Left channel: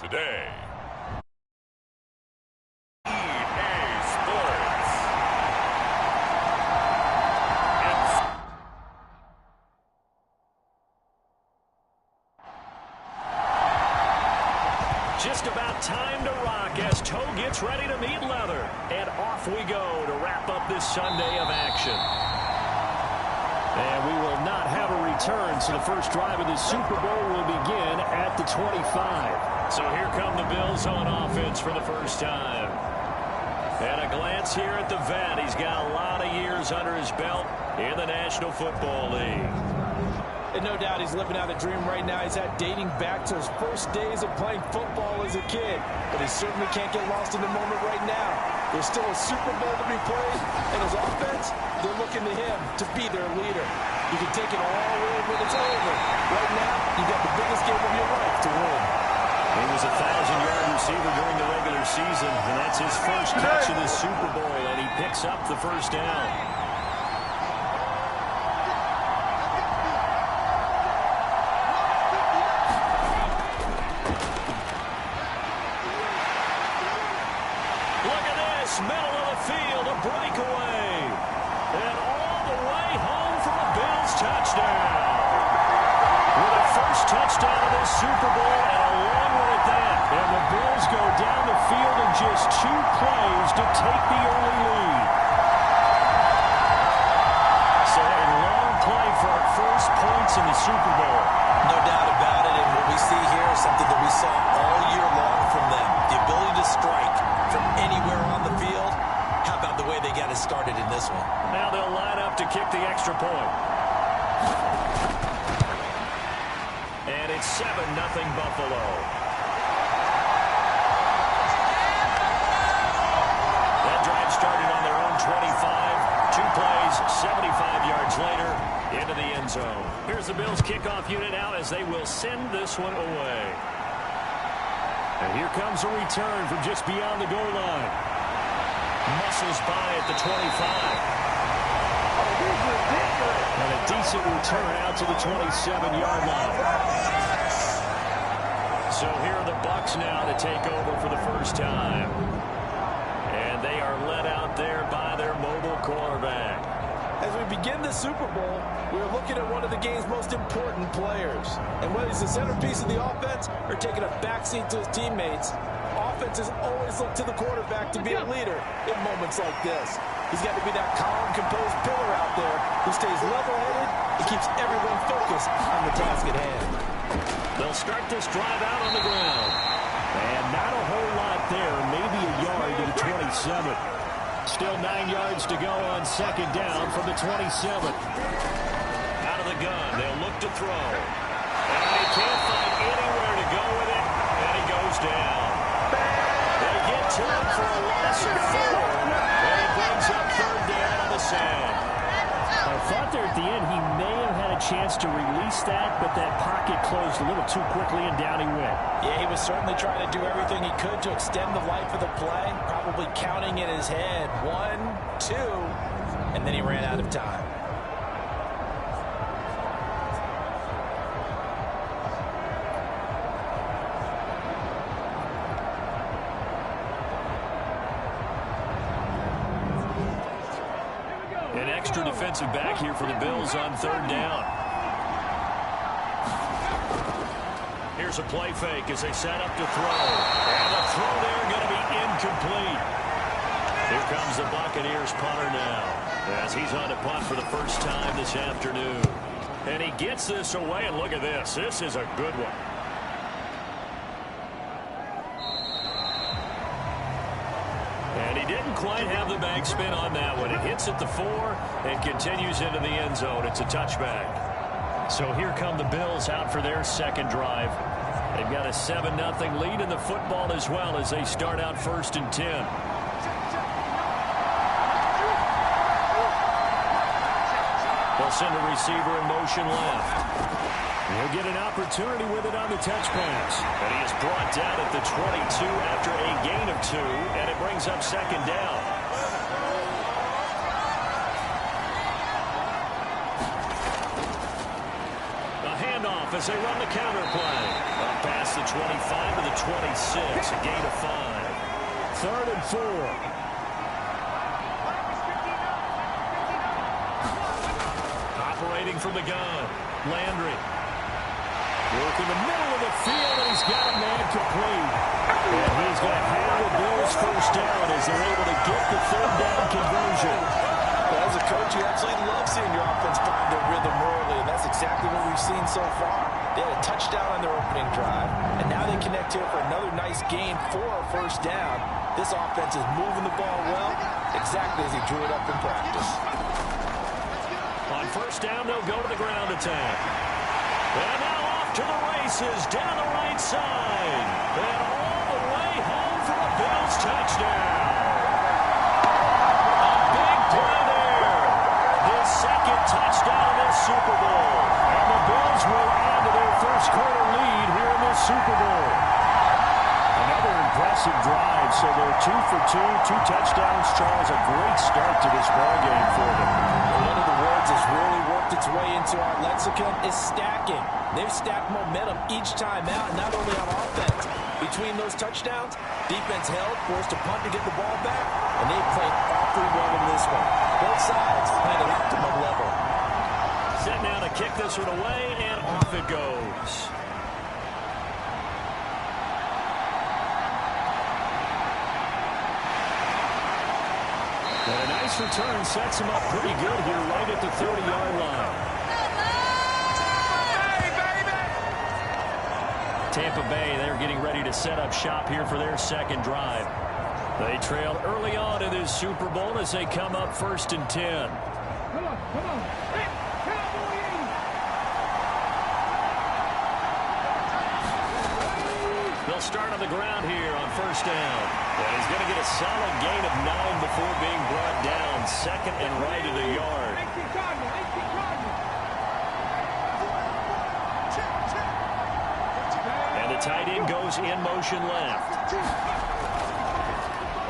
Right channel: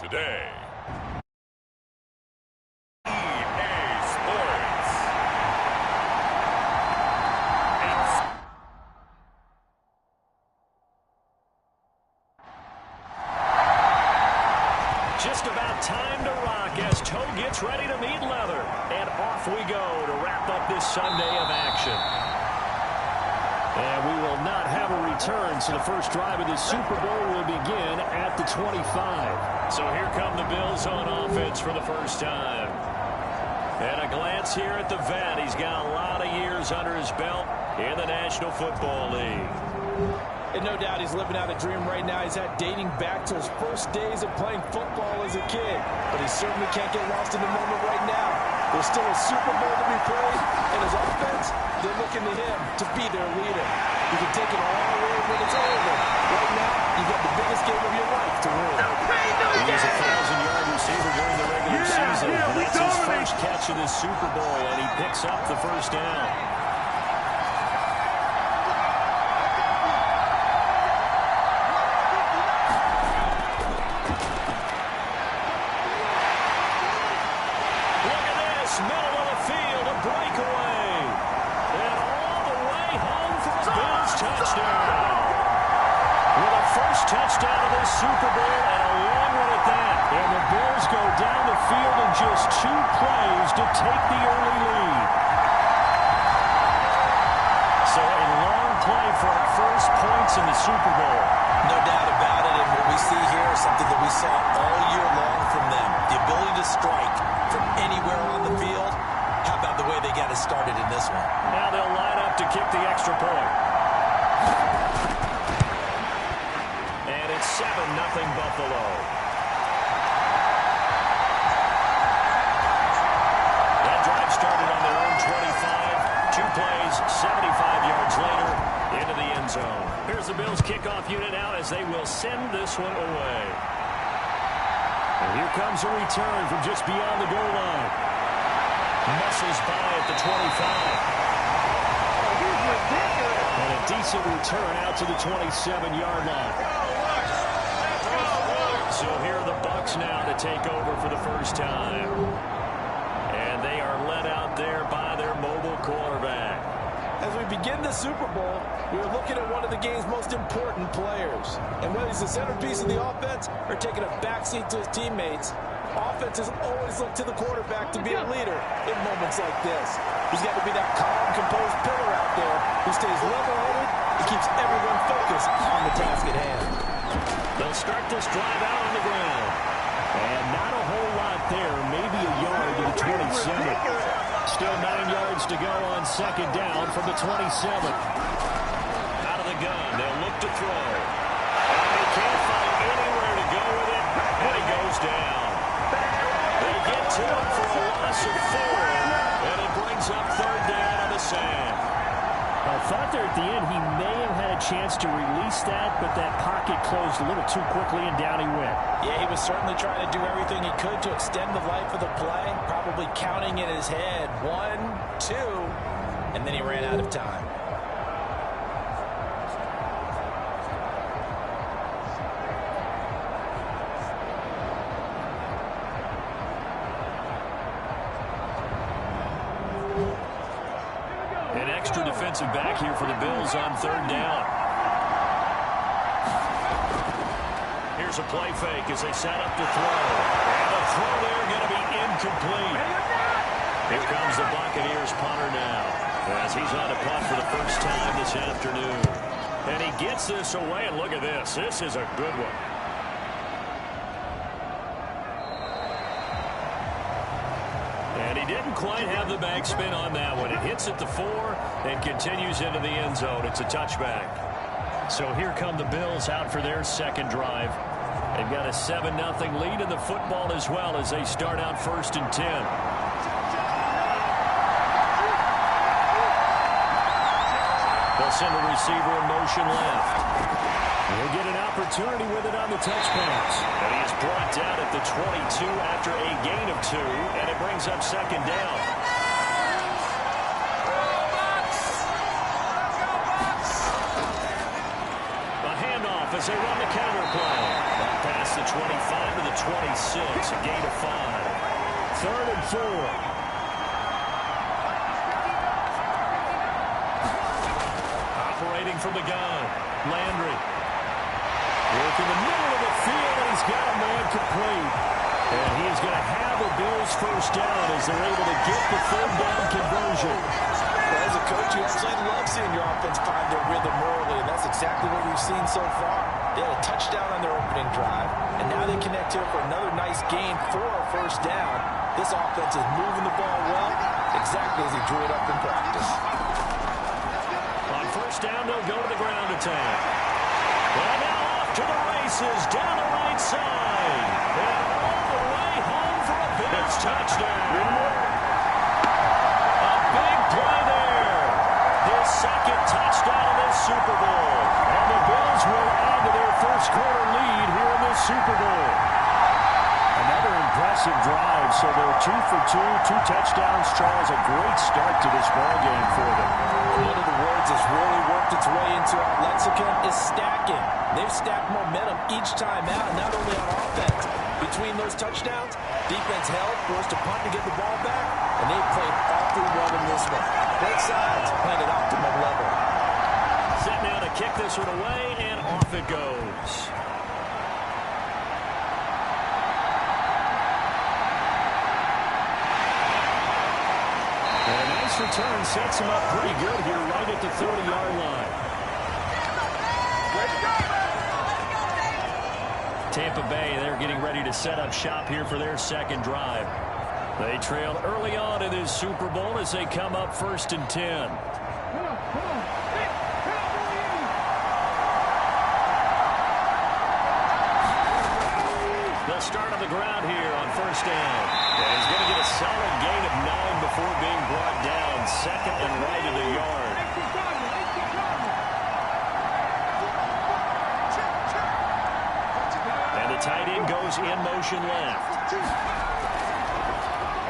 today. EA Sports. Just about time to rock as toe gets ready to meet leather. And off we go to wrap up this Sunday of action. And we will not have a return, so the first drive of the Super Bowl will begin at the 25. So here come the Bills on offense for the first time. And a glance here at the vet. He's got a lot of years under his belt in the National Football League. And no doubt he's living out a dream right now. He's had dating back to his first days of playing football as a kid. But he certainly can't get lost in the moment right now. There's still a Super Bowl to be played, and his offense, they're looking to him to be their leader. You can take it all away when it's over. Right now, you've got the biggest game of your life to win. He was a 1,000-yard receiver during the regular season, and that's his first catch of this Super Bowl, and he picks up the first down. Middle of the field, a breakaway. And all the way home for a Bills touchdown. With a first touchdown of this Super Bowl and a long one at that. And the Bills go down the field in just 2 plays to take the early lead. So a long play for our first points in the Super Bowl. No doubt about it, and what we see here is something that we saw all year long from them. The ability to strike from anywhere on the field. How about the way they got it started in this one? Now they'll line up to kick the extra point. And it's 7-0 Buffalo. That drive started on their own 25. 2 plays, 75 yards later, into the end zone. Here's the Bills kickoff unit out as they will send this one away. And here comes a return from just beyond the goal line. Muscles by at the 25. Oh, he's ridiculous. And a decent return out to the 27-yard line. So here are the Bucs now to take over for the first time. And they are led out there by their mobile quarterback. As we begin the Super Bowl, we're looking at one of the game's most important players. And whether he's the centerpiece of the offense or taking a backseat to his teammates, offenses always look to the quarterback to be a leader in moments like this. He's got to be that calm, composed pillar out there who stays level-headed and keeps everyone focused on the task at hand. They'll start this drive out on the ground. And not a whole lot there, maybe a yard to the 27. Still 9 yards to go on second down from the 27. Out of the gun, they'll look to throw. And he can't find anywhere to go with it, and he goes down. They get to him for a loss of 4, and it brings up third down on the sand. I thought there at the end he may have had a chance to release that, but that pocket closed a little too quickly, and down he went. Yeah, he was certainly trying to do everything he could to extend the life of the play, probably counting in his head 1, 2, and then he ran out of time. An extra defensive back here for the Bills on third down. Here's a play fake as they set up to throw. And the throw there going to be incomplete. Here comes the Buccaneers punter now as he's on to punt for the first time this afternoon. And he gets this away, and look at this. This is a good one. And he didn't quite have the backspin on that one. It hits at the 4 and continues into the end zone. It's a touchback. So here come the Bills out for their second drive. They've got a 7-0 lead in the football as well as they start out 1st and 10. They'll send a receiver in motion left. He'll get an opportunity with it on the touch pass. And he is brought down at the 22 after a gain of 2, and it brings up second down. A handoff off as they run the counter play. Up past the 25 to the 26, a gain of 5. 3rd and 4. Operating from the gun, Landry. Work in the middle of the field, and he's got a man complete. And he's going to have the Bills first down as they're able to get the 3rd down conversion. As a coach, you absolutely love seeing your offense find their rhythm early, and that's exactly what we've seen so far. They had a touchdown on their opening drive, and now they connect here for another nice gain for a first down. This offense is moving the ball well, exactly as he drew it up in practice. On first down, they'll go to the ground attack. And now off to the races down the right side. And all the way home for a Bills touchdown. A big play there. His 2nd touchdown of this Super Bowl. And the Bills will add to their first quarter lead here in this Super Bowl. Another impressive drive, so they're 2 for 2, 2 touchdowns. Charles, a great start to this ball game for them. One of the words that's really worked its way into our lexicon is stacking. They've stacked momentum each time out, not only on offense. Between those touchdowns, defense held, forced to punt to get the ball back, and they played awfully well in this one. Both sides playing at optimum level. Set now to kick this one away, and off it goes. And a nice return sets him up pretty good here right at the 30-yard line. Tampa Bay, they're getting ready to set up shop here for their 2nd drive. They trailed early on in this Super Bowl as they come up 1st and 10. Come on. Hey, They'll start on the ground here on first down. And he's going to get a solid gain of 9 before being brought down. 2nd and right of the yard. And the tight end goes in motion left.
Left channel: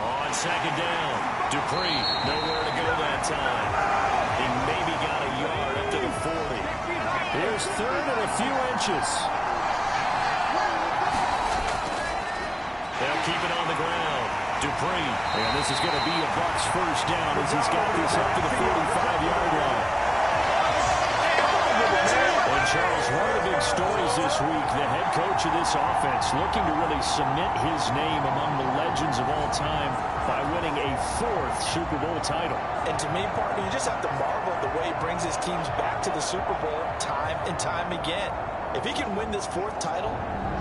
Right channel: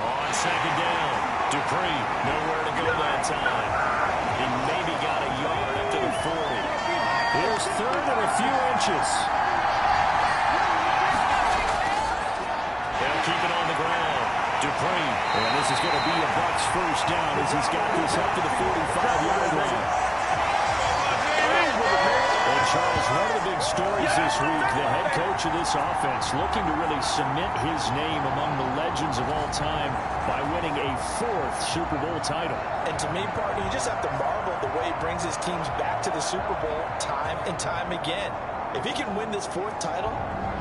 On 2nd down, Dupree, nowhere to go that time. He maybe got a yard up to the 40. Here's 3rd and a few inches. They'll keep it on the ground. Dupree, and this is going to be a Bucs first down as he's got this up to the 45-yard line. And Charles, one of the big stories this week, the head coach of this offense looking to really cement his name among the legends of all time by winning a 4th Super Bowl title. And to me, partner, you just have to marvel at the way he brings his teams back to the Super Bowl time and time again. If he can win this 4th title,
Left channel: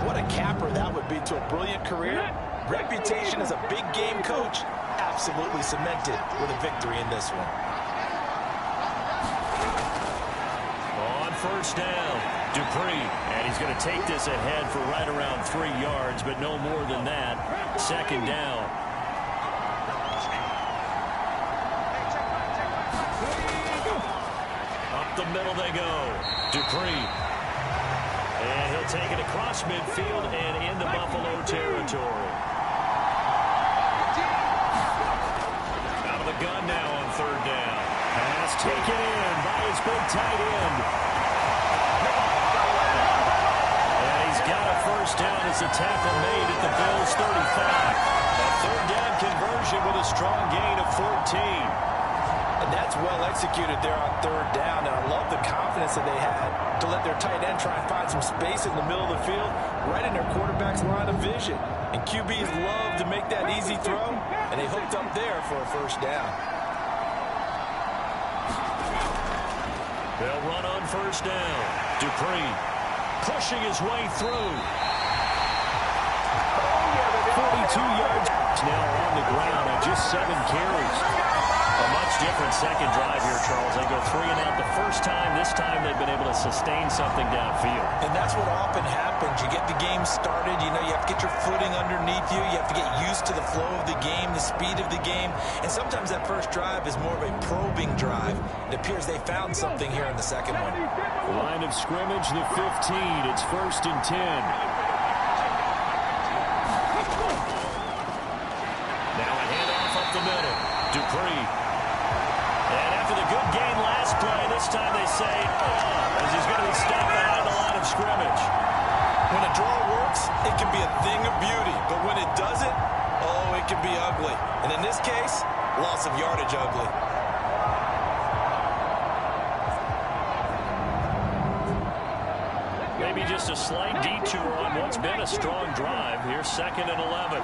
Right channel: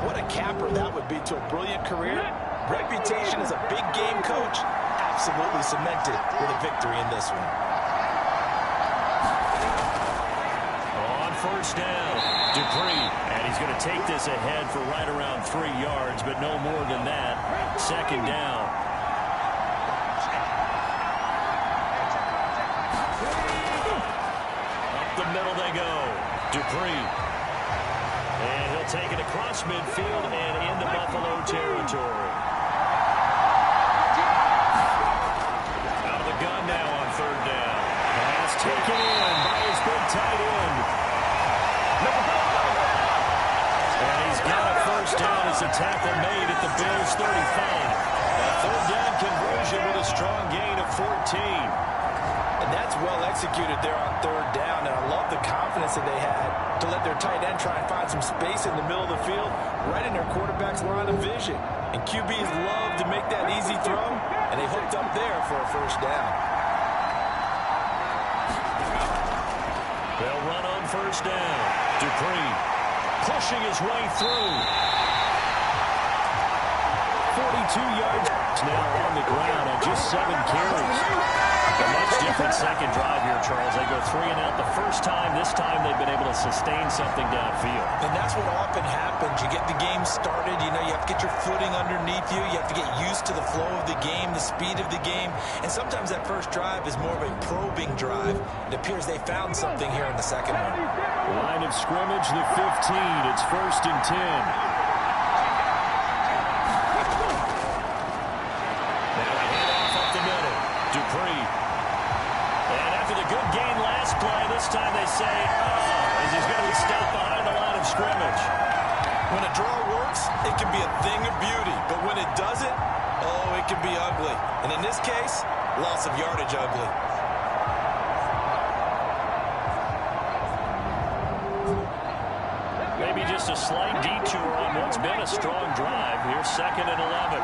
what a capper that would be to a brilliant career. Reputation as a big game coach, absolutely cemented with a victory in this one. On first down, Dupree, and he's going to take this ahead for right around 3 yards, but no more than that. 2nd down. Up the middle they go. Dupree. And he'll take it across midfield and into Buffalo territory. Out of the gun now on 3rd down. Pass taken in by his big tight end. And he's got a first down as the tackle made at the Bills' 35. A 3rd down conversion with a strong gain of 14. And that's well executed there on 3rd down. And I love the confidence that they had to let their tight end try and find some space in the middle of the field, right in their quarterback's line of vision. And QBs love to make that easy throw, and they hooked up there for a first down. They'll run on first down. Dupree pushing his way through. 42 yards now on the ground on just 7 carries. A much different 2nd drive here, Charles. They go 3 and out the first time. This time they've been able to sustain something downfield. And that's what often happens. You get the game started. You know, you have to get your footing underneath you. You have to get used to the flow of the game, the speed of the game. And sometimes that first drive is more of a probing drive. It appears they found something here in the 2nd one. Line of scrimmage, the 15. It's 1st and 10. Now a handoff up the middle. Dupree. And after the good gain last play, this time they say, as he's going to be stopped behind the line of scrimmage. When a draw works, it can be a thing of beauty. But when it doesn't, oh, it can be ugly. And in this case, loss of yardage ugly. Maybe just a slight detour on what's been a strong drive. Here's 2nd and 11.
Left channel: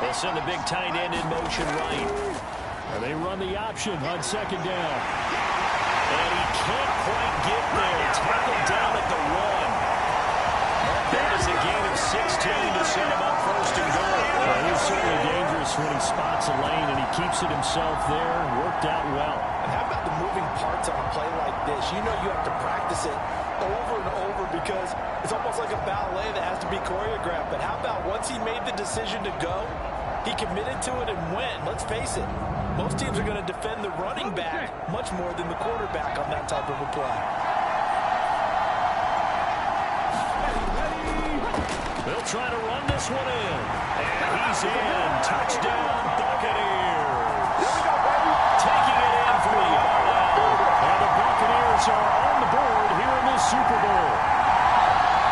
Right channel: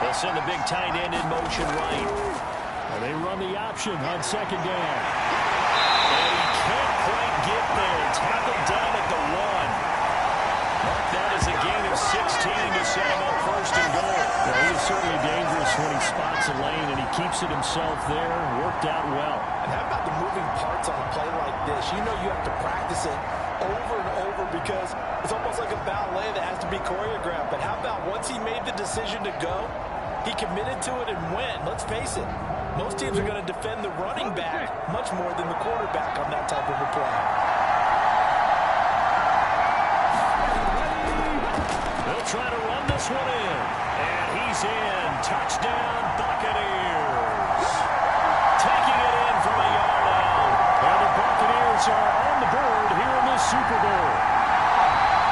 They'll send the big tight end in motion right. And they run the option on 2nd down. And he can't quite get there. Tackled down at the 1. Mark that as a gain of 16 to set him up 1st and goal. Well, he is certainly dangerous when he spots a lane, and he keeps it himself there. Worked out well. And how about the moving parts on a play like this? You know you have to practice it over and over because it's almost like a ballet that has to be choreographed. But how about once he made the decision to go, he committed to it and went. Let's face it, most teams are going to defend the running back much more than the quarterback on that type of a play. They'll try to run this one in. And he's in. Touchdown, Buccaneers. Taking it in from a yard out. And the Buccaneers are on the board here in the Super Bowl.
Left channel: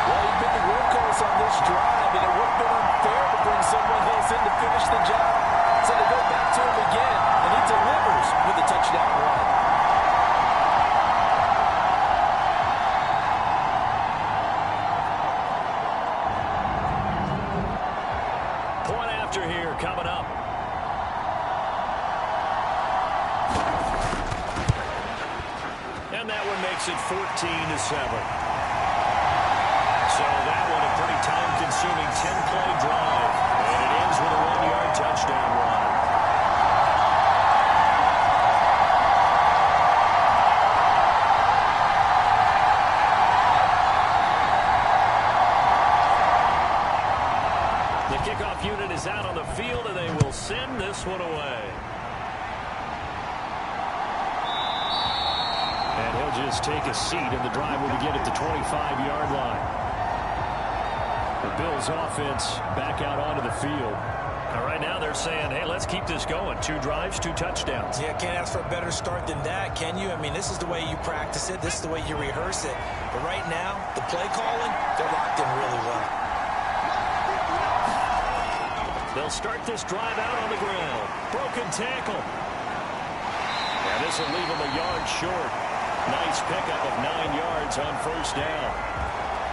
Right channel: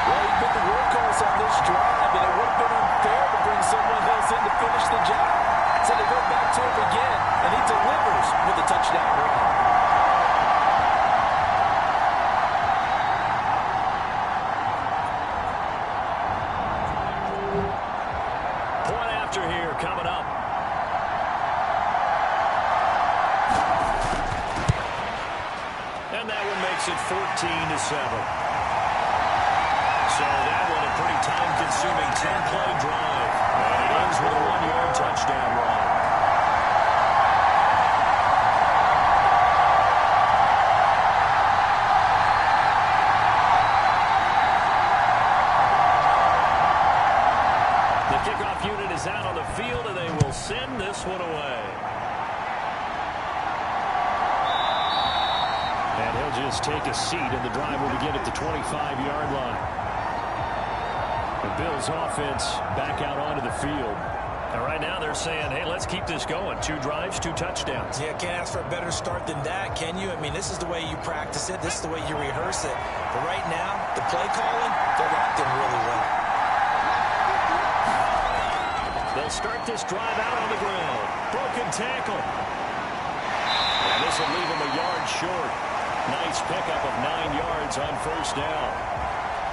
Well, he's been the workhorse on this drive, and it would have been unfair to bring someone else in to finish the job. So they go back to him again, and he delivers with a touchdown run. Point after here coming up. And that one makes it 14-7. So that one a pretty time-consuming 10-play drive. And it ends with a 1-yard touchdown run. The kickoff unit is out on the field, and they will send this one away. And he'll just take a seat, and the drive will begin at the 25-yard line. The Bills offense back out onto the field. And right now they're saying, hey, let's keep this going. 2 drives, 2 touchdowns. Yeah, can't ask for a better start than that, can you? I mean, this is the way you practice it. This is the way you rehearse it. But right now, the play calling, they're locked in really well. They'll start this drive out on the ground. Broken tackle. And this will leave them a yard short. Nice pickup of 9 yards on 1st down.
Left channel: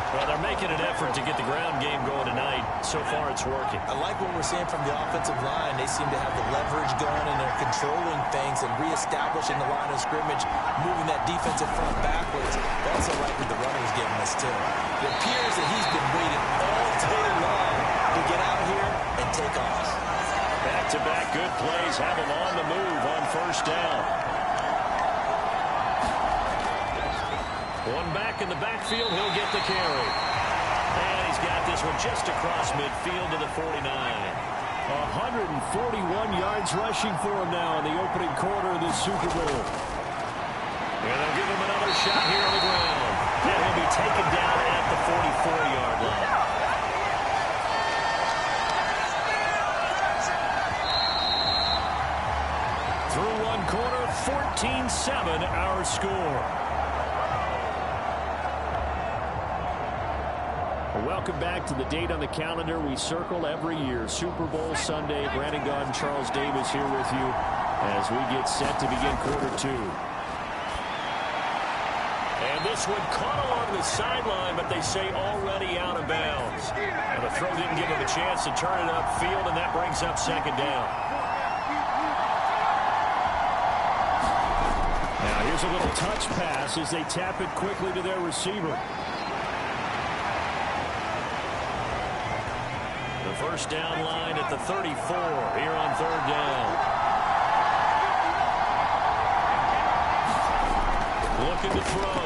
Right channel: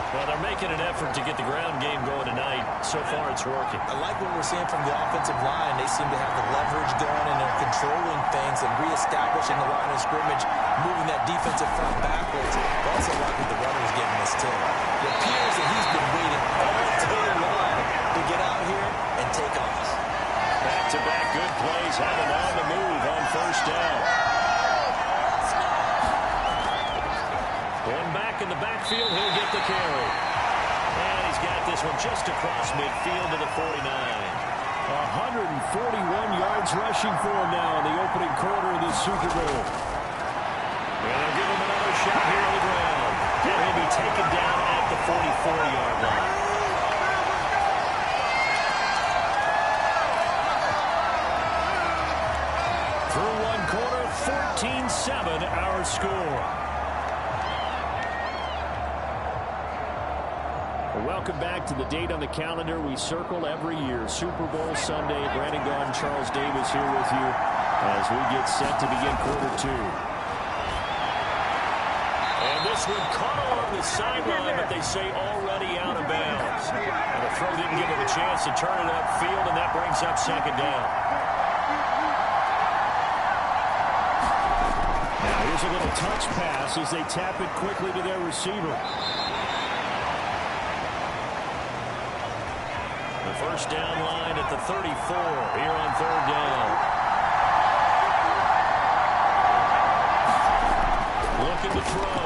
Well, they're making an effort to get the ground game going tonight. So far, it's working. I like what we're seeing from the offensive line. They seem to have the leverage going, and they're controlling things and reestablishing the line of scrimmage, moving that defensive front backwards. But also like what the runner's giving us, too. It appears that he's been waiting all day long to get out here and take off. Back-to-back good plays have him on the move on 1st down. One back in the backfield, he'll get the carry. And he's got this one just across midfield to the 49. 141 yards rushing for him now in the opening quarter of this Super Bowl. And they'll give him another shot here on the ground. And he'll be taken down at the 44-yard line. Through one quarter, 14-7 our score. Welcome back to the date on the calendar we circle every year. Super Bowl Sunday. Brandon Gaudin, Charles Davis here with you as we get set to begin quarter 2. And this one caught along the sideline, but they say already out of bounds. And the throw didn't give him a chance to turn it upfield, and that brings up 2nd down. Now here's a little touch pass as they tap it quickly to their receiver. The 1st down line at the 34 here on 3rd down. Looking to throw.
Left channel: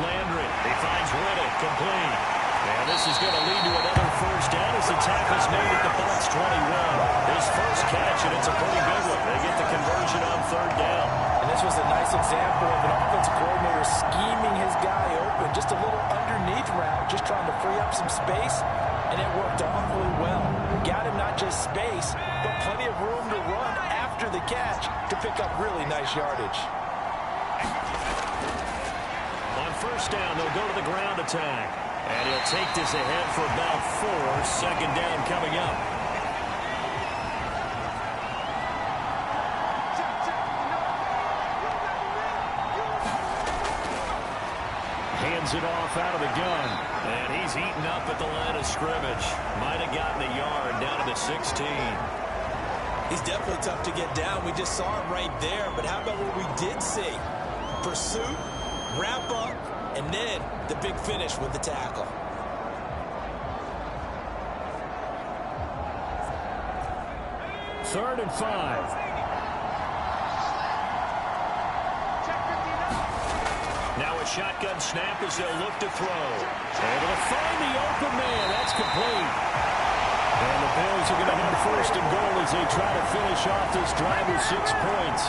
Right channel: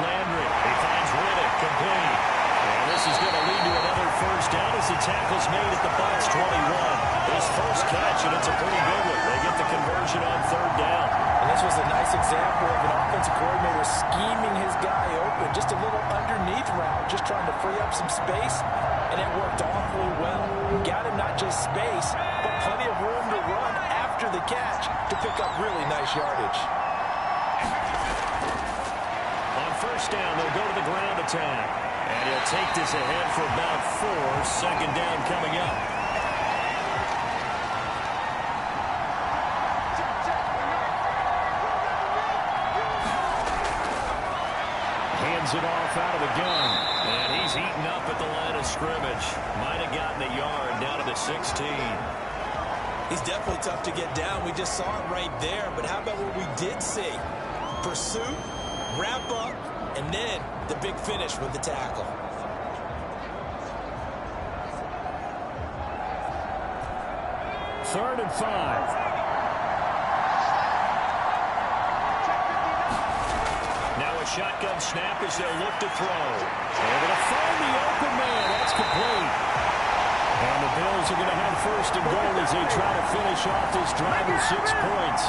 Landry. He finds Riddick complete. And this is going to lead to another 1st down as the tackle's made at the Bucs 21. His first catch, and it's a pretty good one. They get the conversion on 3rd down. And this was a nice example of an offensive coordinator scheming his guy open. Just a little underneath route, just trying to free up some space. And it worked awfully well. Got him not just space, but plenty of room to run after the catch to pick up really nice yardage. On first down, they'll go to the ground attack. And he'll take this ahead for about 4. Second down coming up. Hands it off out of the gun. And he's eaten up at the line of scrimmage. Might have gotten a yard down to the 16. He's definitely tough to get down. We just saw it right there. But how about what we did see? Pursuit, wrap up, and then the big finish with the tackle. Third and 5. Now a shotgun snap as they'll look to throw. Able to find the open man. That's complete. And the Bills are going to have first and goal as they try to finish off this drive with 6 points.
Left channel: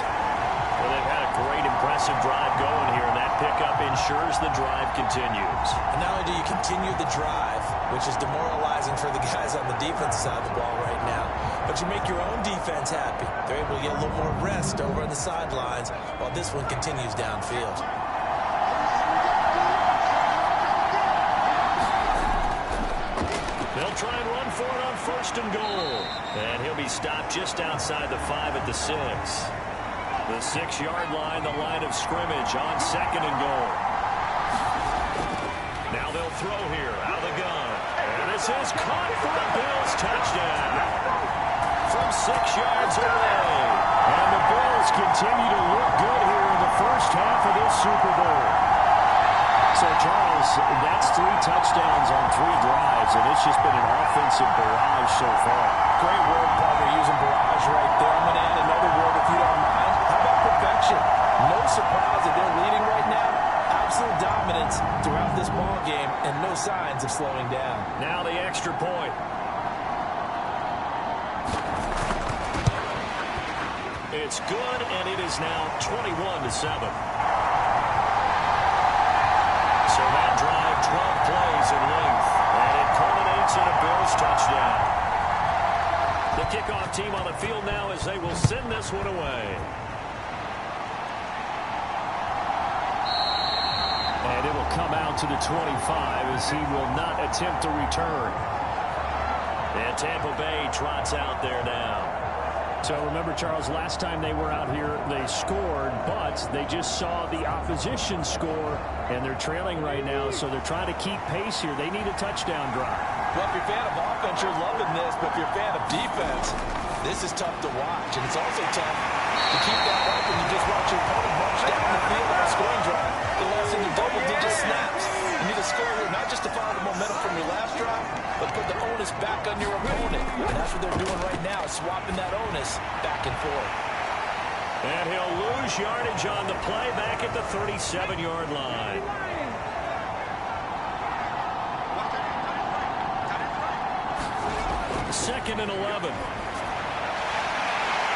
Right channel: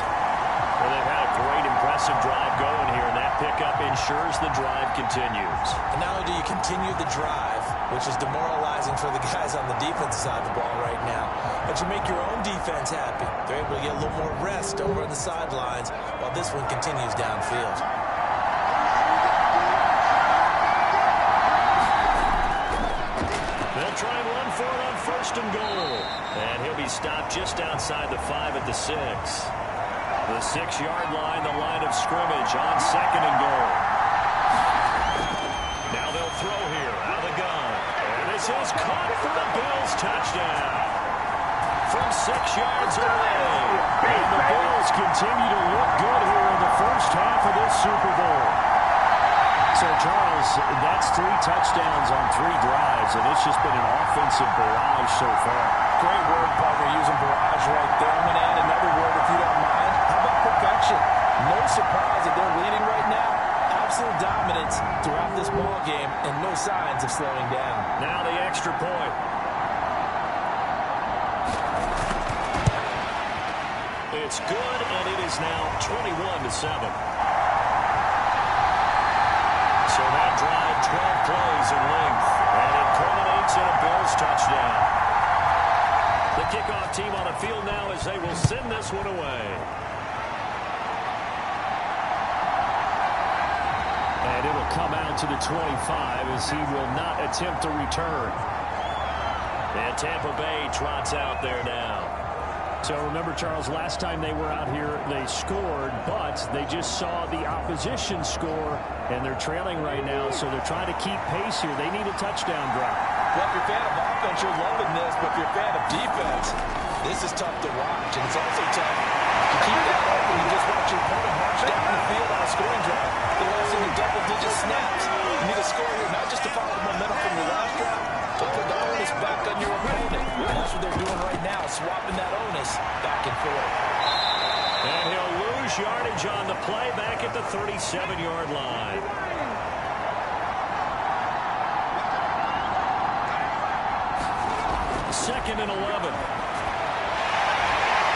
Well, they've had a great, impressive drive going here, and that pickup ensures the drive continues. And not only do you continue the drive, which is demoralizing for the guys on the defensive side of the ball right now, but you make your own defense happy. They're able to get a little more rest over on the sidelines while this one continues downfield. They'll try and run for it on first and goal. And he'll be stopped just outside the 5 at the 6. The 6-yard line, the line of scrimmage on second and goal. Now they'll throw here out of the gun. And this is caught for a Bills touchdown. From 6 yards away. And the Bills continue to look good here in the first half of this Super Bowl. So, Charles, that's 3 touchdowns on 3 drives, and it's just been an offensive barrage so far. Great word, partner, using barrage right there. I'm going to add another word if you don't mind. How about perfection? No surprise that they're leading right now. Absolute dominance throughout this ball game, and no signs of slowing down. Now the extra point. It's good, and it is now 21-7. So that drive, 12 plays in length, and it culminates in a Bills touchdown. The kickoff team on the field now as they will send this one away. And it'll come out to the 25 as he will not attempt to return. And Tampa Bay trots out there now. So remember, Charles, last time they were out here, they scored, but they just saw the opposition score, and they're trailing right now, so they're trying to keep pace here. They need a touchdown drive. Well, if you're a fan of offense, you're loving this, but if you're a fan of defense, this is tough to watch, and it's also tough to keep that up when you just watch your opponent march down the field on a scoring drive. They're lasting in double-digit snaps. You need to score here, not just to follow the momentum from your last drive, but put the onus back on your opponent. And that's what they're doing right now, swapping that onus back and forth. And he'll lose yardage on the play back at the 37-yard line. Second and 11.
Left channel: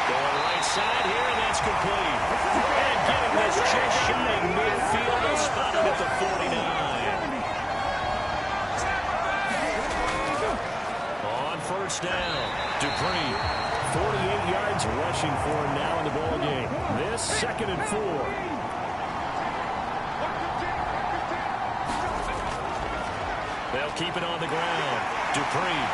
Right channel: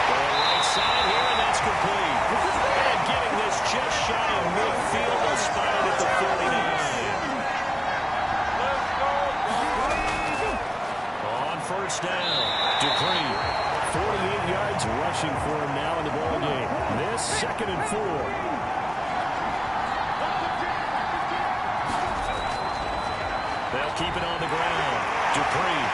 Going right side here, and that's complete. And getting this just shy of midfield, they'll spot it at the 49. On first down, Dupree. 48 yards rushing for him now in the ball game. This second and 4. They'll keep it on the ground. Dupree.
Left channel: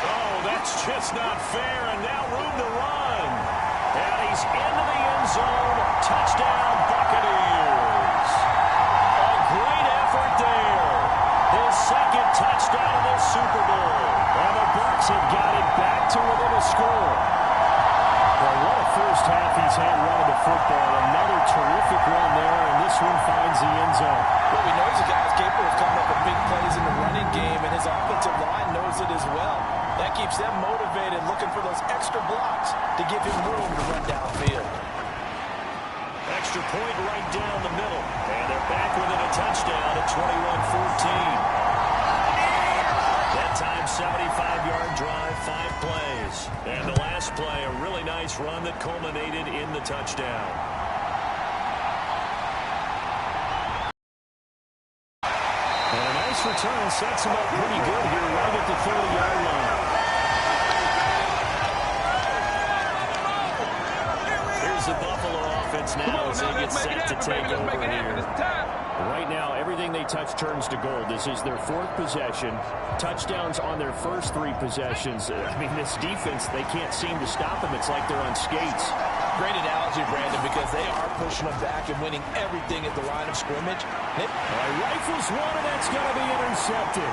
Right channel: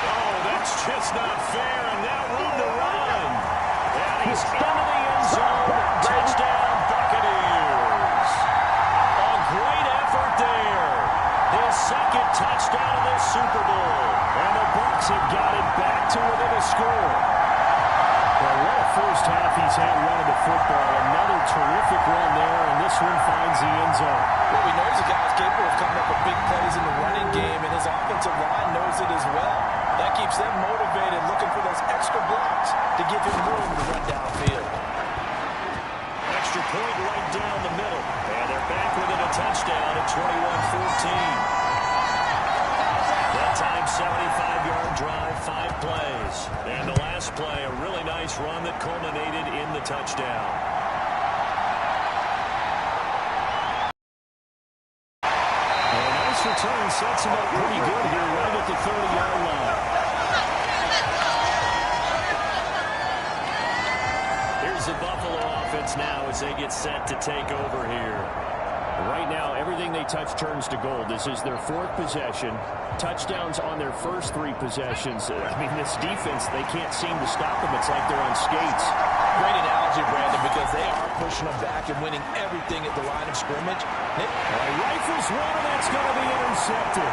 Oh, that's just not fair, and now room to run. And he's into the end zone. Touchdown, Buccaneers. A great effort there. His second touchdown of this Super Bowl. And the Bucs have got it back to within a score. Well, what a first half he's had running the football. Another terrific run there, and this one finds the end zone. Well, we know he's a guy who's capable of coming up with big plays in the running game, and his offensive line knows it as well. That keeps them motivated, looking for those extra blocks to give him room to run downfield. Extra point right down the middle. And they're back within a touchdown at 21-14. That time, 75-yard drive, 5 plays. And the last play, a really nice run that culminated in the touchdown. And a nice return sets him up pretty good here right at the 30-yard line. Here's the Buffalo offense now as they get set to take over here. Right now, everything they touch turns to gold. This is their 4th possession. Touchdowns on their first 3 possessions. I mean, this defense, they can't seem to stop them. It's like they're on skates. Great analogy, Brandon, because they are pushing them back and winning everything at the line of scrimmage. Rifles one, and that's going to be intercepted.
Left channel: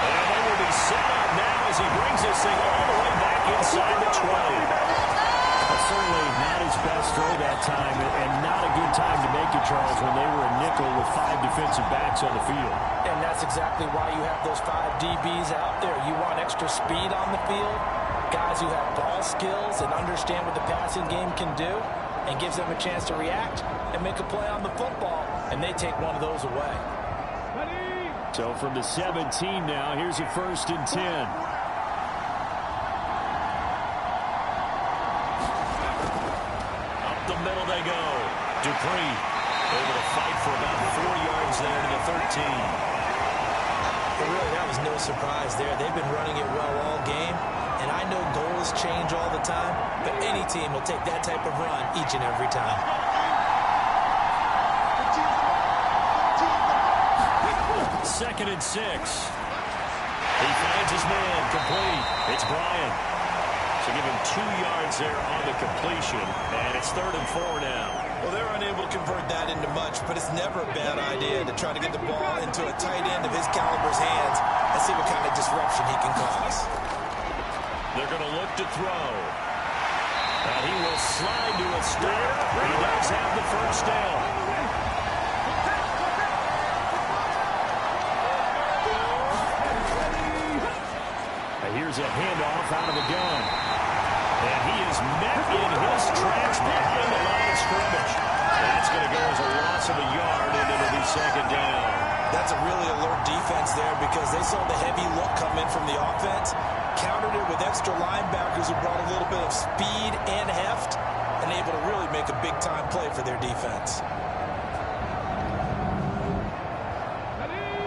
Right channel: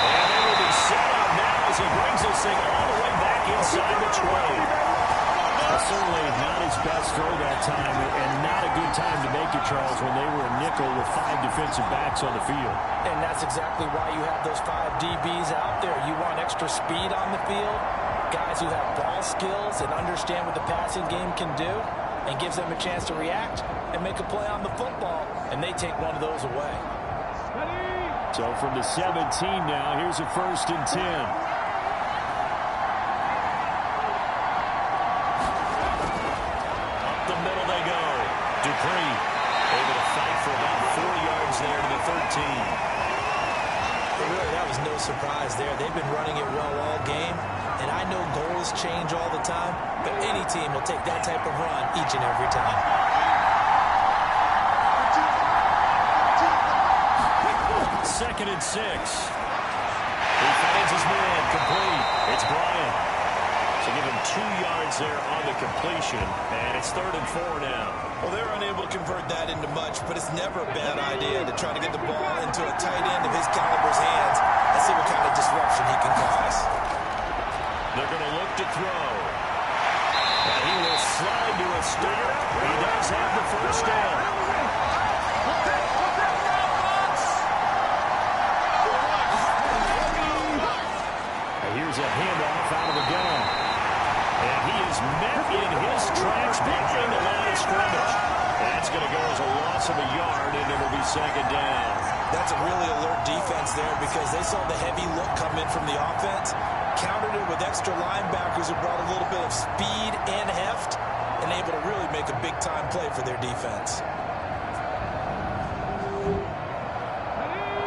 And they will be set up now as he brings this thing all the way back inside the 20. Certainly not his best throw that time, and not a good time to make it, Charles, when they were a nickel with 5 defensive backs on the field. And that's exactly why you have those 5 DBs out there. You want extra speed on the field, guys who have ball skills and understand what the passing game can do, and gives them a chance to react and make a play on the football, and they take one of those away. So from the 17 now, here's a 1st and 10. The middle they go. Dupree able to fight for about 4 yards there to the 13. But really, that was no surprise there. They've been running it well all game, and I know goals change all the time, but any team will take that type of run each and every time. 2nd and 6. He finds his man complete. It's Bryant. So give him 2 yards there on the completion, and it's 3rd and 4 now. Well, they're unable to convert that into much, but it's never a bad idea to try to get the ball into a tight end of his caliber's hands and see what kind of disruption he can cause. They're going to look to throw. And he will slide to a stop. He does have the 1st down. Here's a handoff out of the gun. And he is met in his tracks behind the line of scrimmage. That's going to go as a loss of a yard, and it'll be 2nd down. That's a really alert defense there because they saw the heavy look come in from the offense, countered it with extra linebackers who brought a little bit of speed and heft, and able to really make a big-time play for their defense.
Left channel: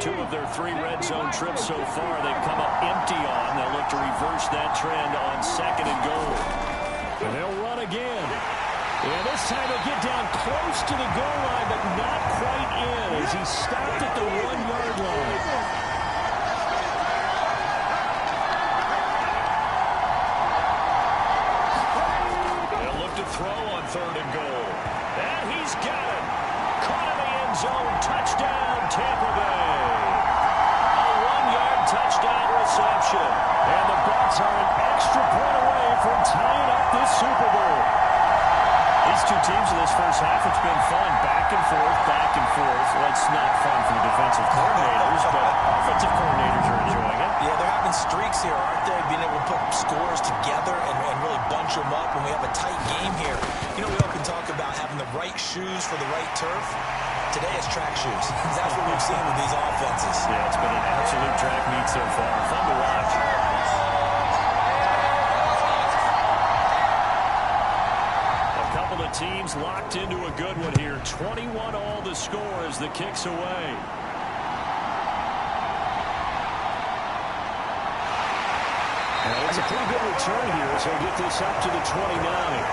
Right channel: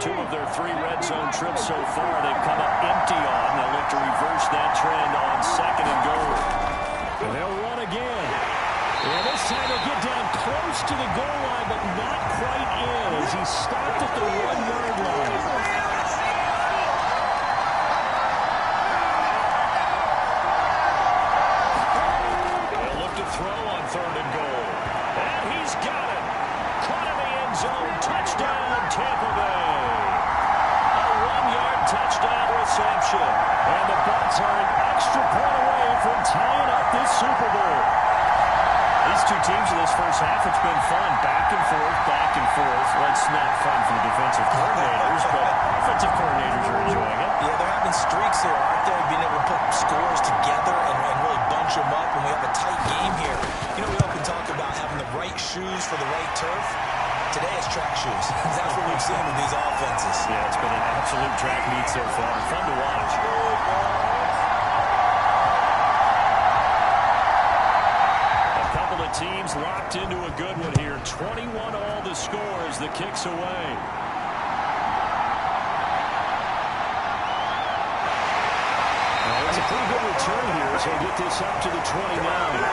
2 of their 3 red zone trips so far they've come up empty on. They'll look to reverse that trend on 2nd and goal. And they'll run again. And this time he'll get down close to the goal line, but not quite in as he stopped at the 1-yard line. They'll look to throw on 3rd and goal. And he's got it. Caught in the end zone. Touchdown, Tampa Bay. A 1-yard touchdown reception. And the Bucs are an extra point away from tying up this Super Bowl. These 2 teams in this first half, it's been fun. Back and forth, back and forth. Well, it's not fun for the defensive coordinators, but offensive coordinators are enjoying it. Yeah, they're having streaks here, aren't they? Being able to put scores together and really bunch them up, and we have a tight game here. You know, we often talk about having the right shoes for the right turf. Today it's track shoes. That's what we've seen with these offenses. Yeah, it's been an absolute track meet so far. Fun to watch. A couple of teams locked into a good one here. 21 all the score as the kick's away. It's a pretty good return here as they get this up to the 29.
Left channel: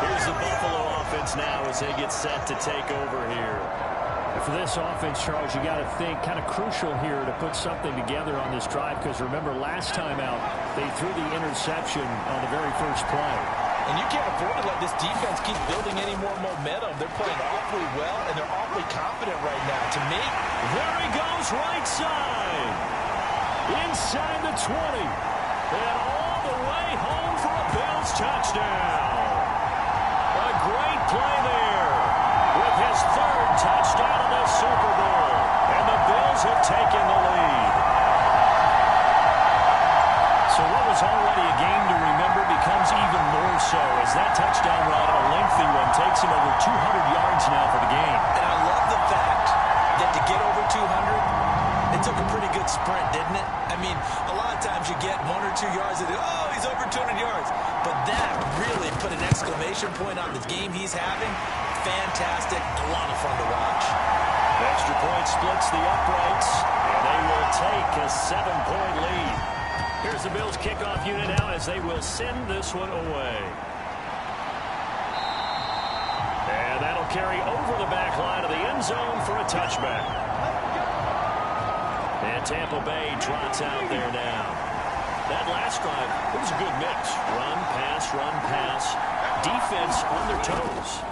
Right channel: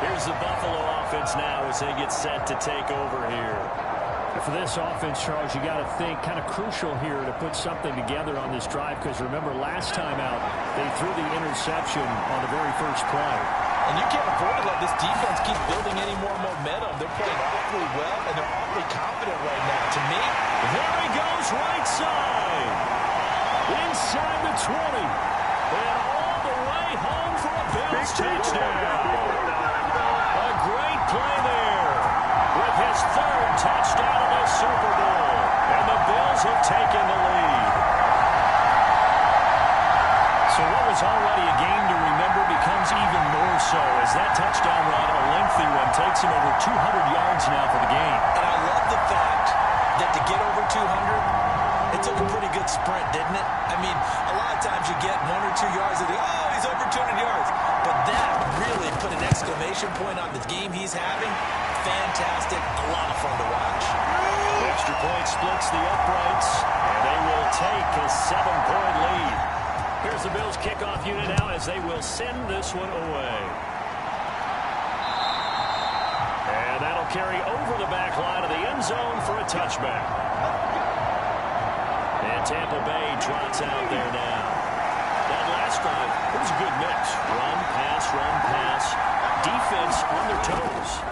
Here's the Buffalo offense now as they get set to take over here. And for this offense, Charles, you got to think kind of crucial here to put something together on this drive, because remember last time out they threw the interception on the very first play. And you can't afford to let this defense keep building any more momentum. They're playing awfully well, and they're awfully confident right now. To me, there he goes right side. Inside the 20. And all the way home for a Bills touchdown. A great play there with his 3rd touchdown of the Super Bowl. And the Bills have taken the lead. So what was already a game to remember becomes even more so as that touchdown run, a lengthy one, takes him over 200 yards now for the game. And I love the fact that to get over 200, it took a pretty good sprint, didn't it? I mean, a lot of times you get 1 or 2 yards and oh, he's over 200 yards. But that really put an exclamation point on the game he's having. Fantastic, a lot of fun to watch. Extra point splits the uprights, and they will take a 7-point lead. Here's the Bills kickoff unit now as they will send this one away. And that'll carry over the back line of the end zone for a touchback. And Tampa Bay trots out there now. That last drive, it was a good mix. Run, pass, defense on their toes.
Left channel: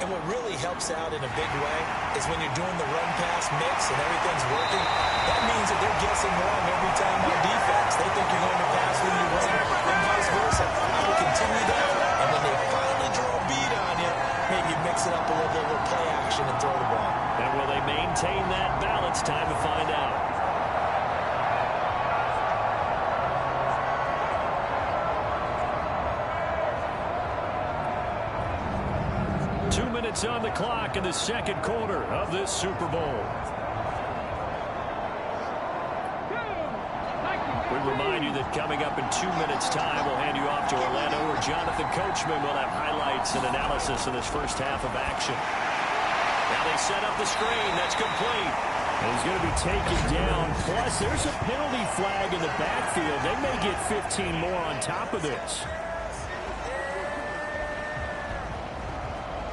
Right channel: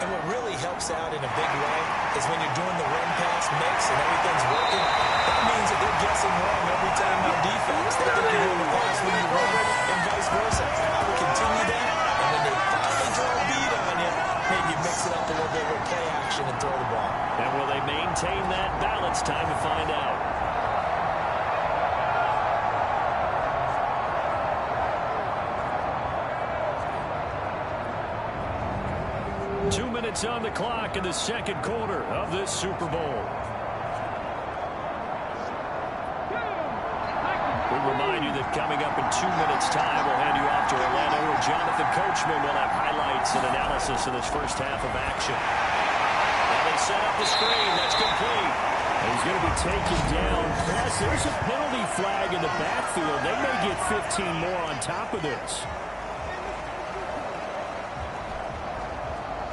And what really helps out in a big way is when you're doing the run-pass mix and everything's working, that means that they're guessing wrong every time on defense. They think you're going to pass when you run and vice versa. I will continue that, and when they finally draw a beat on you, maybe you mix it up a little bit with play action and throw the ball. And will they maintain that balance? Time to find out. Minutes on the clock in the second quarter of this Super Bowl. We remind you that coming up in 2 minutes' time, we'll hand you off to Orlando, where Jonathan Coachman will have highlights and analysis of this first half of action. Now they set up the screen. That's complete. And he's going to be taken down. Plus, there's a penalty flag in the backfield. They may get 15 more on top of this.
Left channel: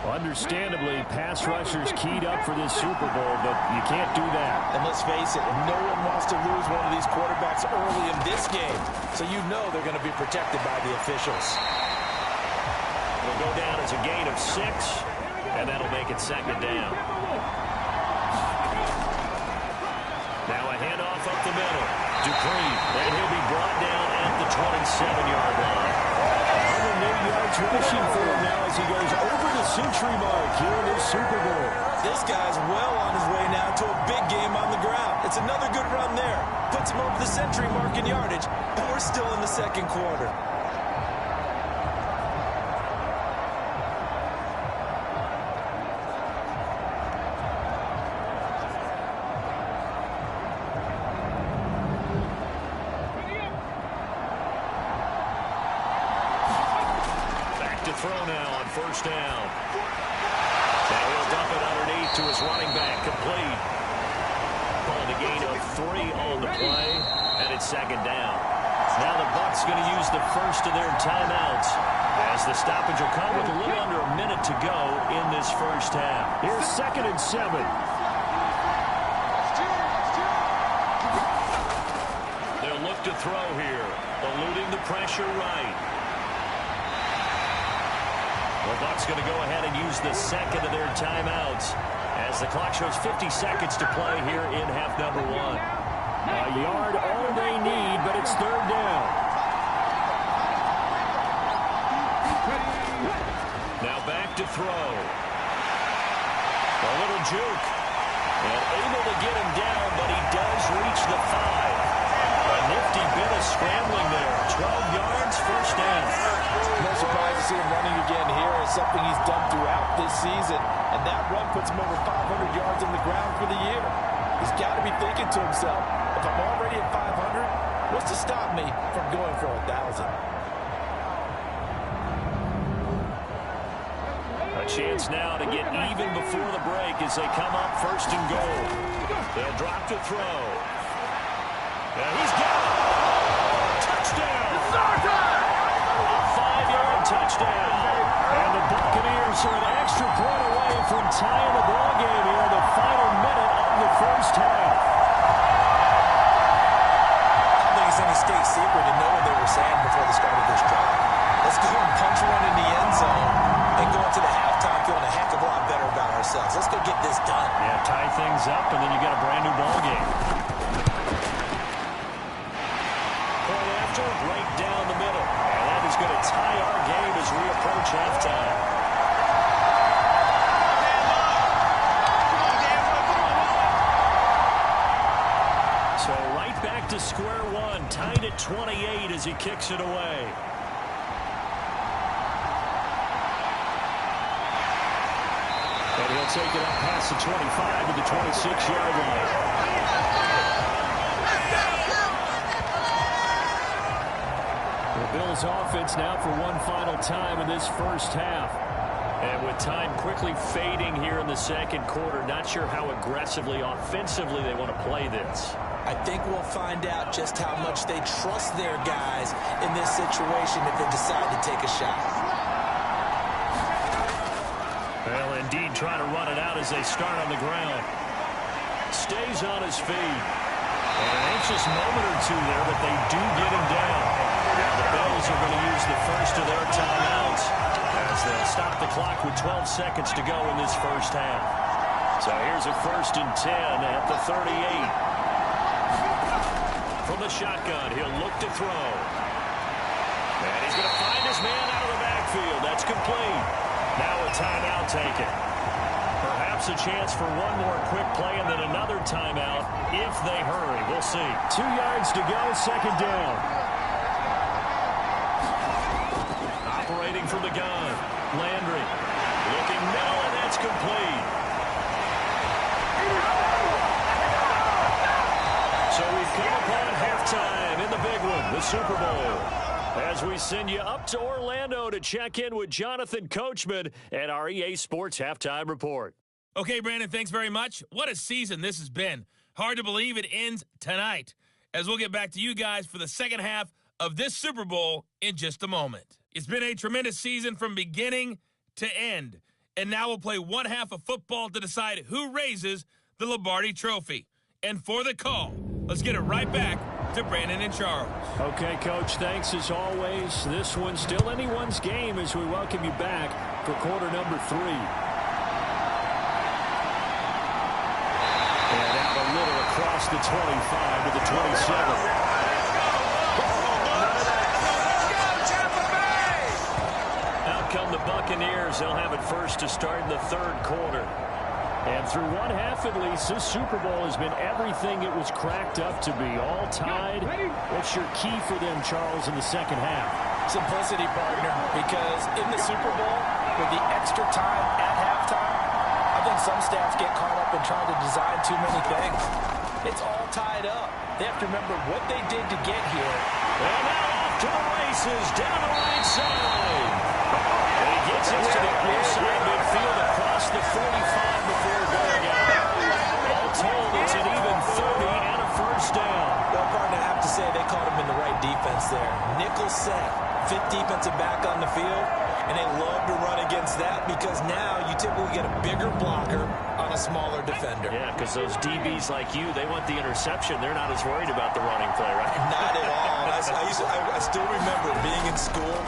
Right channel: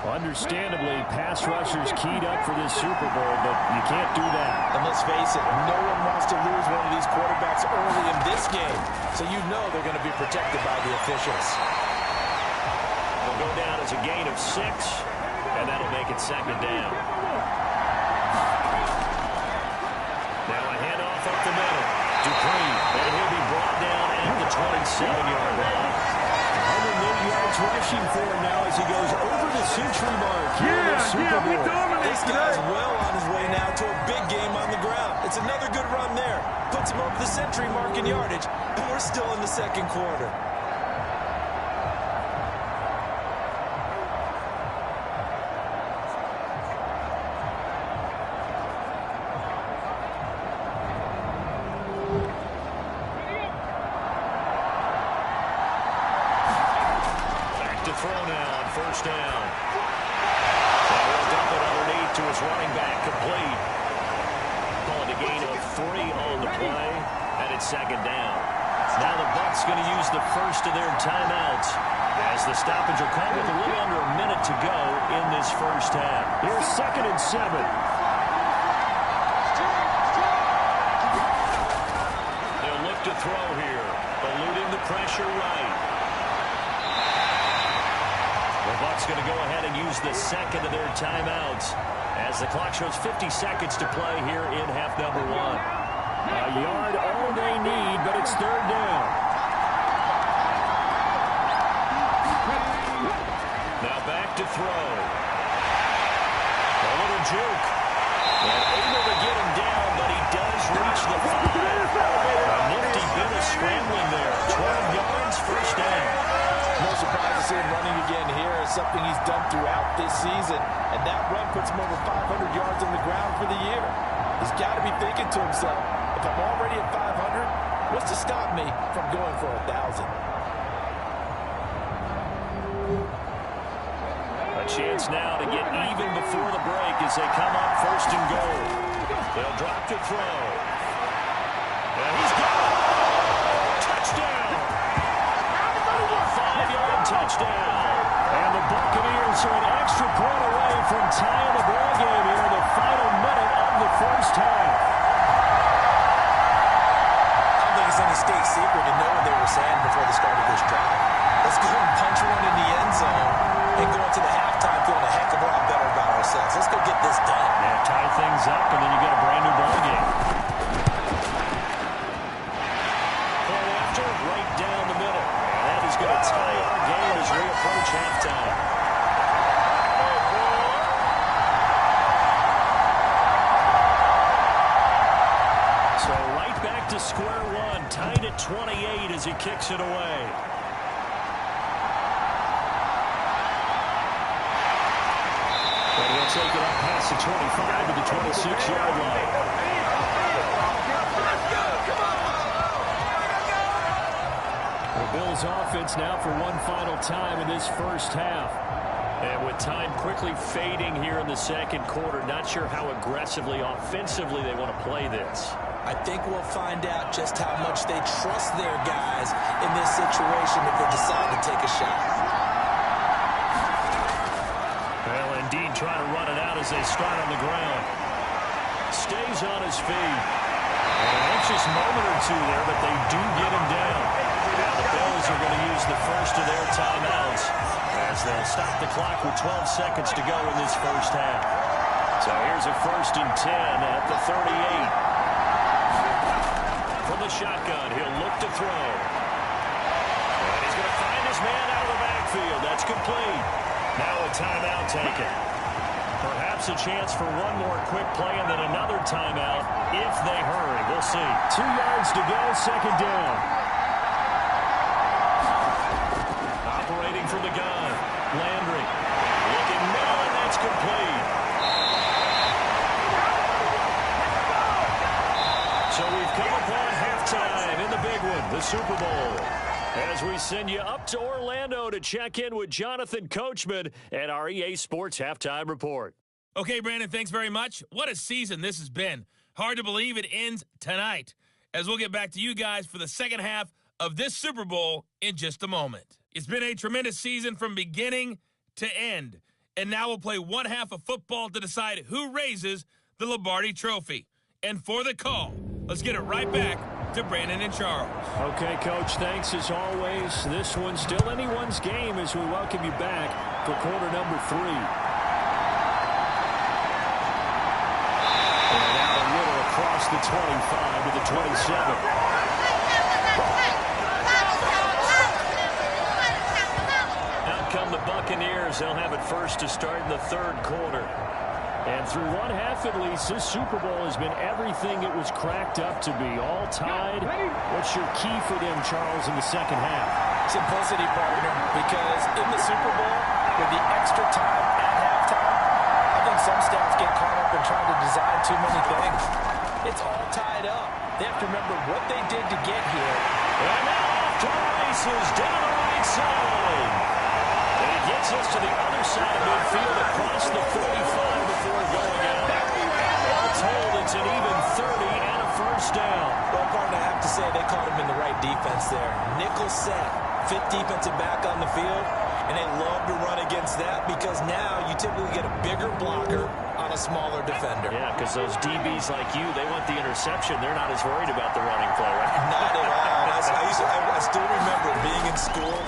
Understandably, pass rushers keyed up for this Super Bowl, but you can't do that. And let's face it, no one wants to lose one of these quarterbacks early in this game. So you know they're going to be protected by the officials. It'll go down as a gain of 6, and that'll make it second down. Now a handoff up the middle. Dupree, and he'll be brought down at the 27-yard line. 108 yards rushing for him now as he goes over the century mark here in this Super Bowl. This guy's well on his way now to a big game on the ground. It's another good run there. Puts him over the century mark in yardage, and we're still in the second quarter. Throw now on first down. Now he'll dump it underneath to his running back, complete. Calling a gain of 3 on the play, and it's second down. Now the Bucs going to use the first of their timeouts, as the stoppage will come with a little under a minute to go in this first half. Here's 2nd and 7. They'll look to throw here, eluding the pressure right. The Bucs going to go ahead and use the second of their timeouts as the clock shows 50 seconds to play here in half number 1. A yard all they need, but it's third down. Now back to throw. A little juke. And able to get him down, but he does reach the 5. A nifty bit of scrambling there. 12 yards, first down. No surprise to see him running again here. It's something he's done throughout this season. And that run puts him over 500 yards on the ground for the year. He's got to be thinking to himself, if I'm already at 500, what's to stop me from going for 1,000? A chance now to get even before the break as they come up first and goal. They'll drop to throw. And he's got it. Touchdown. A 5-yard touchdown. And the Buccaneers are an extra point away from tying the ball game here in the final minute of the first half. I don't think it's any state secret to know what they were saying before the start of this drive. Let's go and punch one in the end zone and go into the halftime feeling a heck of a lot better about ourselves. Let's go get this done. Yeah, tie things up, and then you get a brand new ball game. Point after, right down the middle. And that is going to tie our game as we approach halftime. So right back to square one, tied at 28 as he kicks it away. And he'll take it up past the 25 to the 26-yard line. The Bills offense now for one final time in this first half. And with time quickly fading here in the second quarter, not sure how aggressively, offensively they want to play this. I think we'll find out just how much they trust their guys in this situation if they decide to take a shot. Well, indeed, trying to run it out as they start on the ground. Stays on his feet. And an anxious moment or two there, but they do get him down. Now the Bills are going to use the first of their timeouts as they'll stop the clock with 12 seconds to go in this first half. So here's a 1st and 10 at the 38. From the shotgun, he'll look to throw. And he's going to find his man out of the backfield. That's complete. Now a timeout taken. Perhaps a chance for one more quick play and then another timeout if they hurry. We'll see. 2 yards to go, 2nd down. Operating from the gun. Landry looking middle, and that's complete. So we've come upon halftime in the big one, the Super Bowl. As we send you up to Orlando to check in with Jonathan Coachman at our EA Sports Halftime Report. Okay, Brandon, thanks very much. What a season this has been. Hard to believe it ends tonight, as we'll get back to you guys for the second half of this Super Bowl in just a moment. It's been a tremendous season from beginning to end, and now we'll play one half of football to decide who raises the Lombardi Trophy. And for the call, let's get it right back to Brandon and Charles. Okay, Coach, thanks as always. This one's still anyone's game as we welcome you back for quarter number 3. And out a little across the 25 to the 27. Out come the Buccaneers. They'll have it first to start in the 3rd quarter. And through one half at least, this Super Bowl has been everything it was cracked up to be. All tied. What's your key for them, Charles, in the second half? Simplicity, partner, because in the Super Bowl, with the extra time at halftime, I think some staffs get caught up in trying to design too many things. It's all tied up. They have to remember what they did to get here. And now off to the races, down the right side. And he gets us to the other side of midfield across the 45 before going out. All told, it's an even 30 and a first down. Well, partner, I have to say they caught him in the right defense there. Nickel set, 5th defensive back on the field, and they love to run against that because now you typically get a bigger blocker on a smaller defender. Yeah, because those DBs like you, they want the interception. They're not as worried about the running play, right? Not at all. I still remember being in school,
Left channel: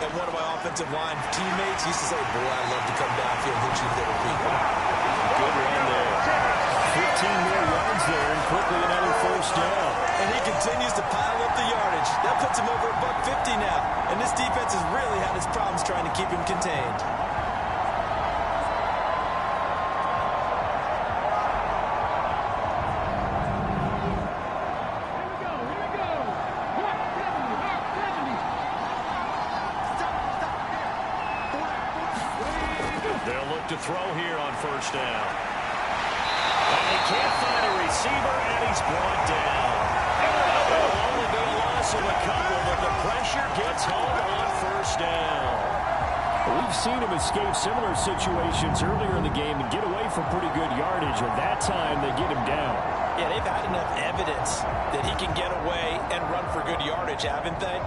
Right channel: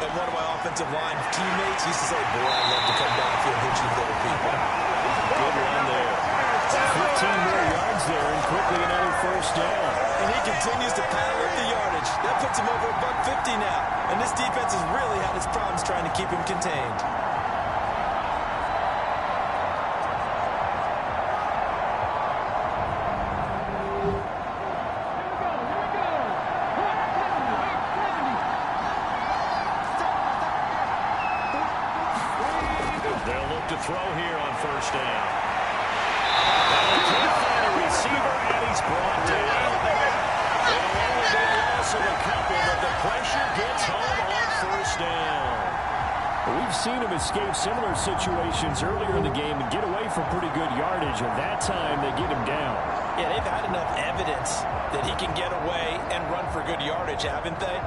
and one of my offensive line teammates used to say, boy, I'd love to come downfield and hit you little people. Good run there. 15 more yards there, and quickly another first down. And he continues to pile up the yardage. That puts him over $150 now. And this defense has really had its problems trying to keep him contained. They'll look to throw here on first down. And they can't find a receiver, and he's brought down. It'll only be a loss of a couple, but the pressure gets home on first down. We've seen him escape similar situations earlier in the game and get away from pretty good yardage, and that time they get him down. Yeah, they've had enough evidence that he can get away and run for good yardage, haven't they?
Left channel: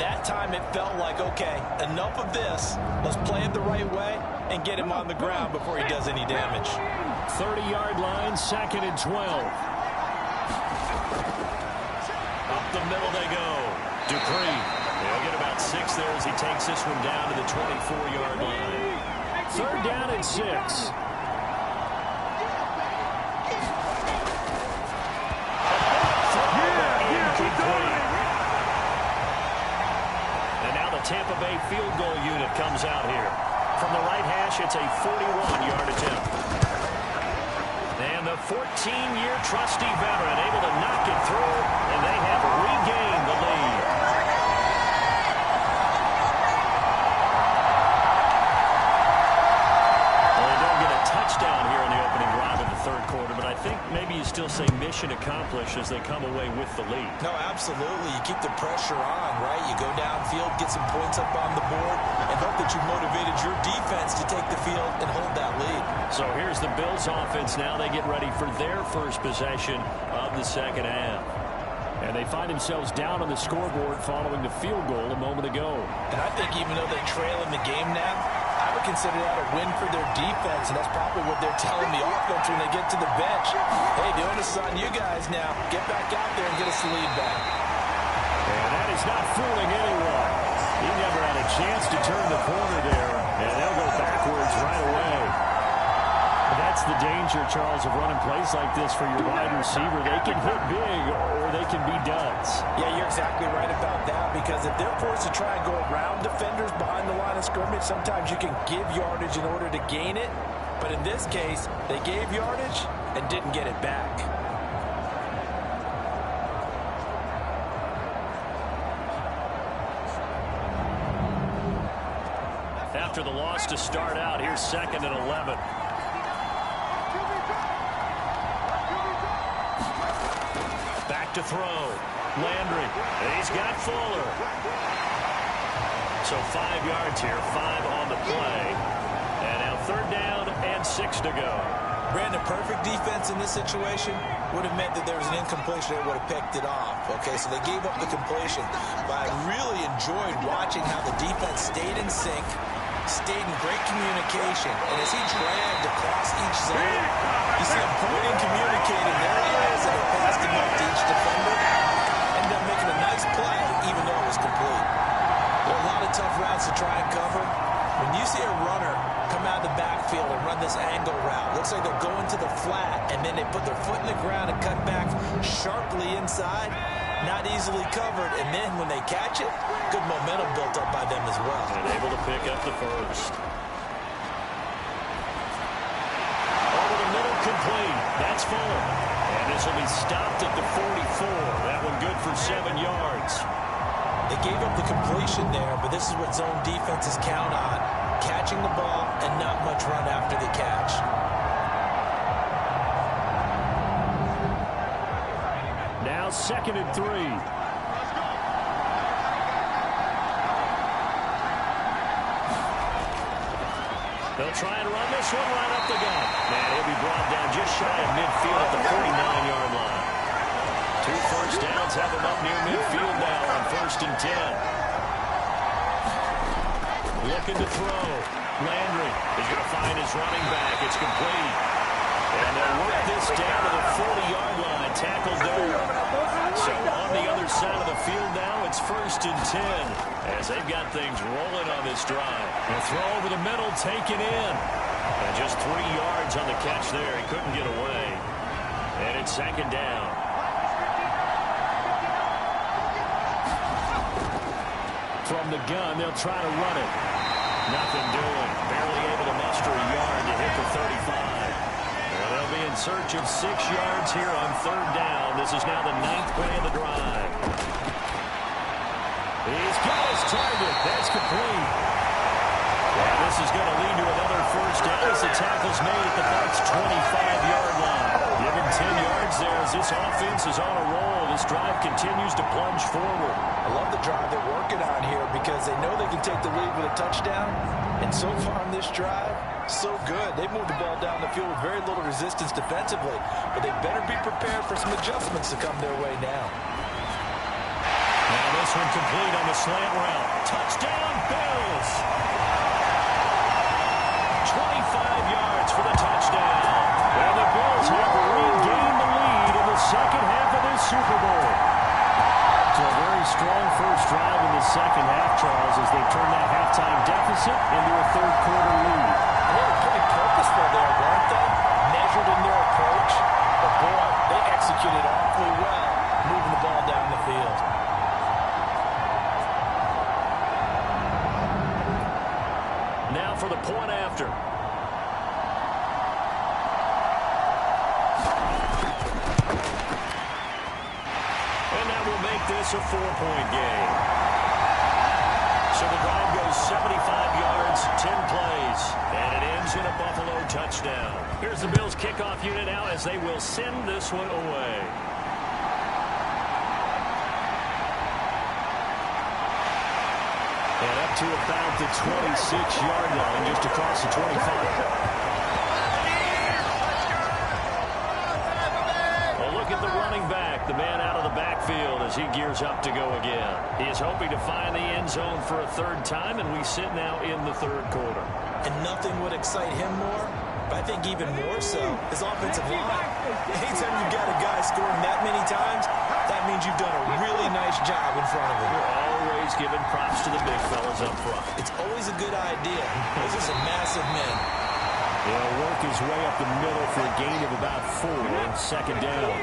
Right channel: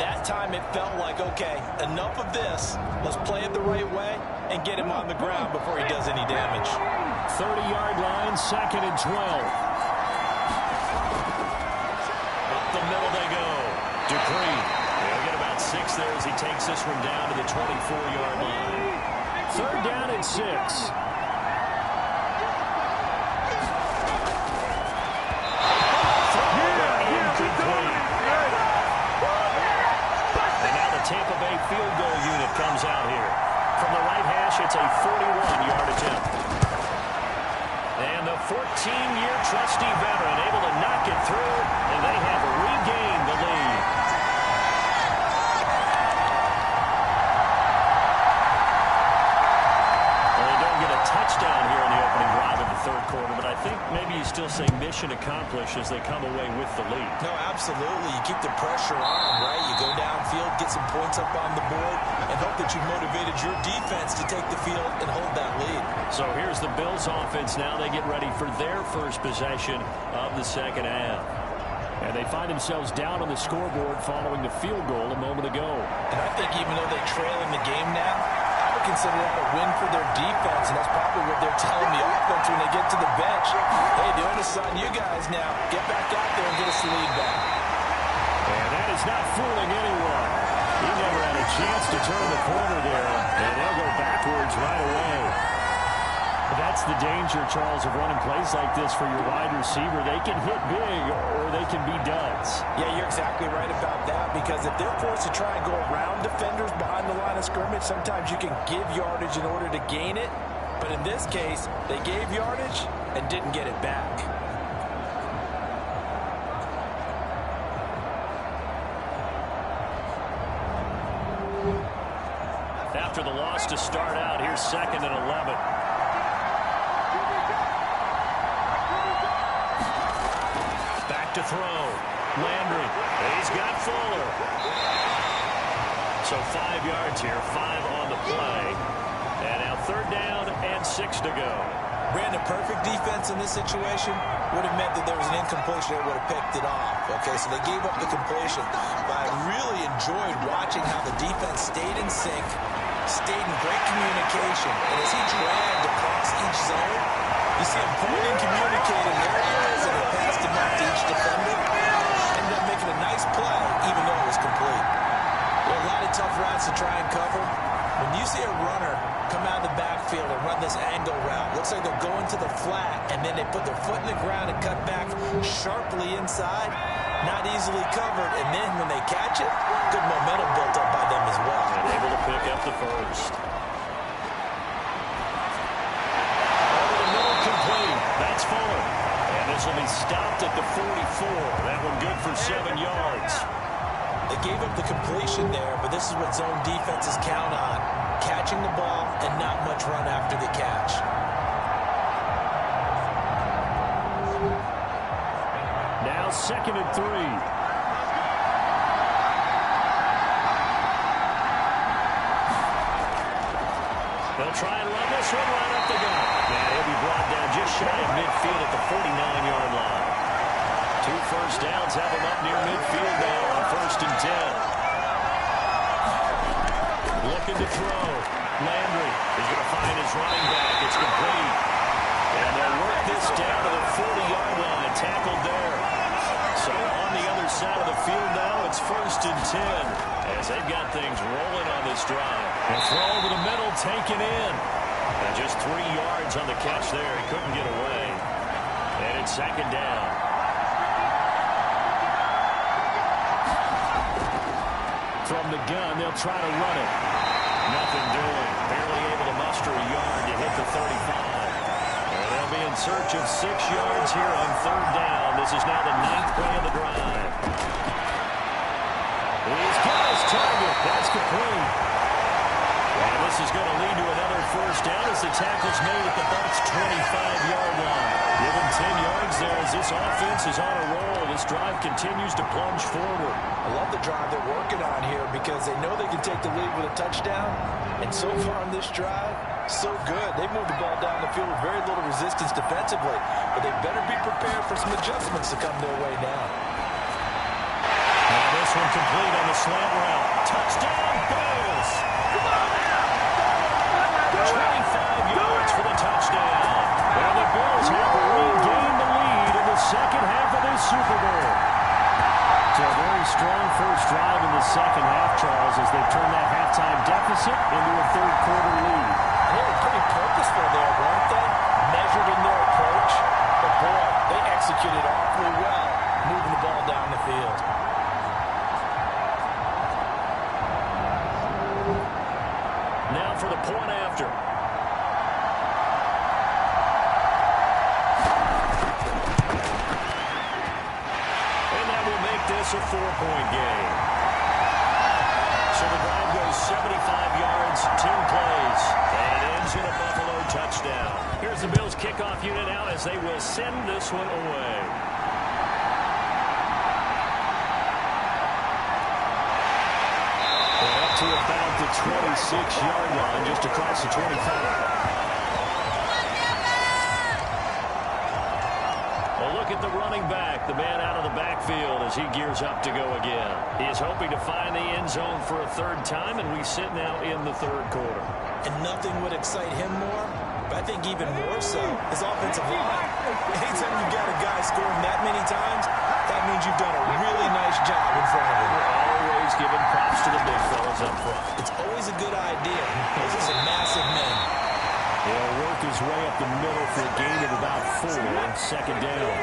That time it felt like, okay, enough of this. Let's play it the right way and get him on the ground before he does any damage. 30-yard line, 2nd and 12. Up the middle they go. Dupree. He'll get about 6 there as he takes this one down to the 24-yard line. 3rd down and 6. And now the Tampa Bay field goal unit comes out here. From the right hash, it's a 41-yard attempt. And the 14-year trusty veteran able to knock it through, and they have regained the lead. Well, they don't get a touchdown here in the opening drive of the 3rd quarter, but I think maybe you still say mission accomplished as they come away with the lead. No, absolutely. You keep the pressure on, right? You go downfield, get some points up on the board, and hope that you motivated your defense to take the field and hold that lead. So here's the Bills offense now. They get ready for their first possession of the second half. And they find themselves down on the scoreboard following the field goal a moment ago. And I think even though they trail in the game now, I would consider that a win for their defense, and that's probably what they're telling the offense when they get to the bench. Hey, the onus is on you guys now. Get back out there and get us the lead back. And that is not fooling anyone. He never had a chance to turn the corner there, and they'll go backwards right away. That's the danger, Charles, of running plays like this for your wide receiver. They can hit big or they can be duds. Yeah, you're exactly right about that, because if they're forced to try and go around defenders behind the line of scrimmage, sometimes you can give yardage in order to gain it. But in this case, they gave yardage and didn't get it back. After the loss to start out, here's 2nd and 11. Back to throw. Landry. He's got Fuller. So 5 yards here, 5 on the play. And now 3rd down and 6 to go. Brandon, perfect defense in this situation would have meant that there was an incompletion that would have picked it off. Okay, so they gave up the completion. But I really enjoyed watching how the defense stayed in sync, stayed in great communication. And as he dragged across each zone, you see him pointing, communicating. There he is, and he passed him up to each defender. Ended up making a nice play, even though it was complete. There are a lot of tough routes to try and cover. When you see a runner come out of the backfield and run this angle route, looks like they're going to the flat, and then they put their foot in the ground and cut back sharply inside. Not easily covered, and then when they catch it, good momentum built up by them as well. And able to pick up the first. Over the middle, complete. That's Fuller. And this will be stopped at the 44. That one good for 7 yards. They gave up the completion there, but this is what zone defenses count on. Catching the ball and not much run after the catch. Now 2nd and 3. They'll try and run this one right up the gut. And he'll be brought down just shy of midfield at the 49-yard line. 2 first downs have him up near midfield now on 1st and 10. Looking to throw. Landry is going to find his running back. It's complete. And they'll work this down to the 40-yard line. Tackled there. So on the other side of the field now, it's 1st and 10 as they've got things rolling on this drive. A throw over the middle, taken in. And just 3 yards on the catch there. He couldn't get away. And it's 2nd down. From the gun, they'll try to run it. Nothing doing. Barely able to muster a yard to hit the 35. And they'll be in search of 6 yards here on 3rd down. This is now the 9th play of the drive. He's got his target. That's complete. And this is going to lead to another 1st down as the tackle's made at the Bucs' 25-yard line. Give him 10 yards there as this offense is on a roll. This drive continues to plunge forward. I love the drive they're working on here because they know they can take the lead with a touchdown. And so far on this drive, so good. They've moved the ball down the field with very little resistance defensively. But they better be prepared for some adjustments to come their way now. Now this one complete on the slant route. Touchdown, Bills! 25 yards for the touchdown. And the Bills have regained the lead in the 2nd half of this Super Bowl. So a very strong first drive in the 2nd half, Charles, as they've turned that halftime deficit into a 3rd quarter lead. And they were pretty purposeful there, weren't they? Measured in their approach. But boy, they executed awfully well, moving the ball down the field. Now for the point after. And that will make this a 4-point game. So the drive goes 75 yards, 10 plays, and it ends in a Buffalo touchdown. Here's the Bills kickoff unit now as they will send this one away. And up to about the 26-yard line, just across the 25. Well, look at at the running back, the man out of the backfield as he gears up to go again. He is hoping to find the end zone for a third time, and we sit now in the third quarter. And nothing would excite him more, but I think even more so, his offensive line. Anytime you've got a guy scoring that many times, that means you've done a really nice job in front of him. We're always giving props to the big fellas up front. It's always a good idea. Those are some massive men. He'll work his way up the middle for a gain of about 4, second down.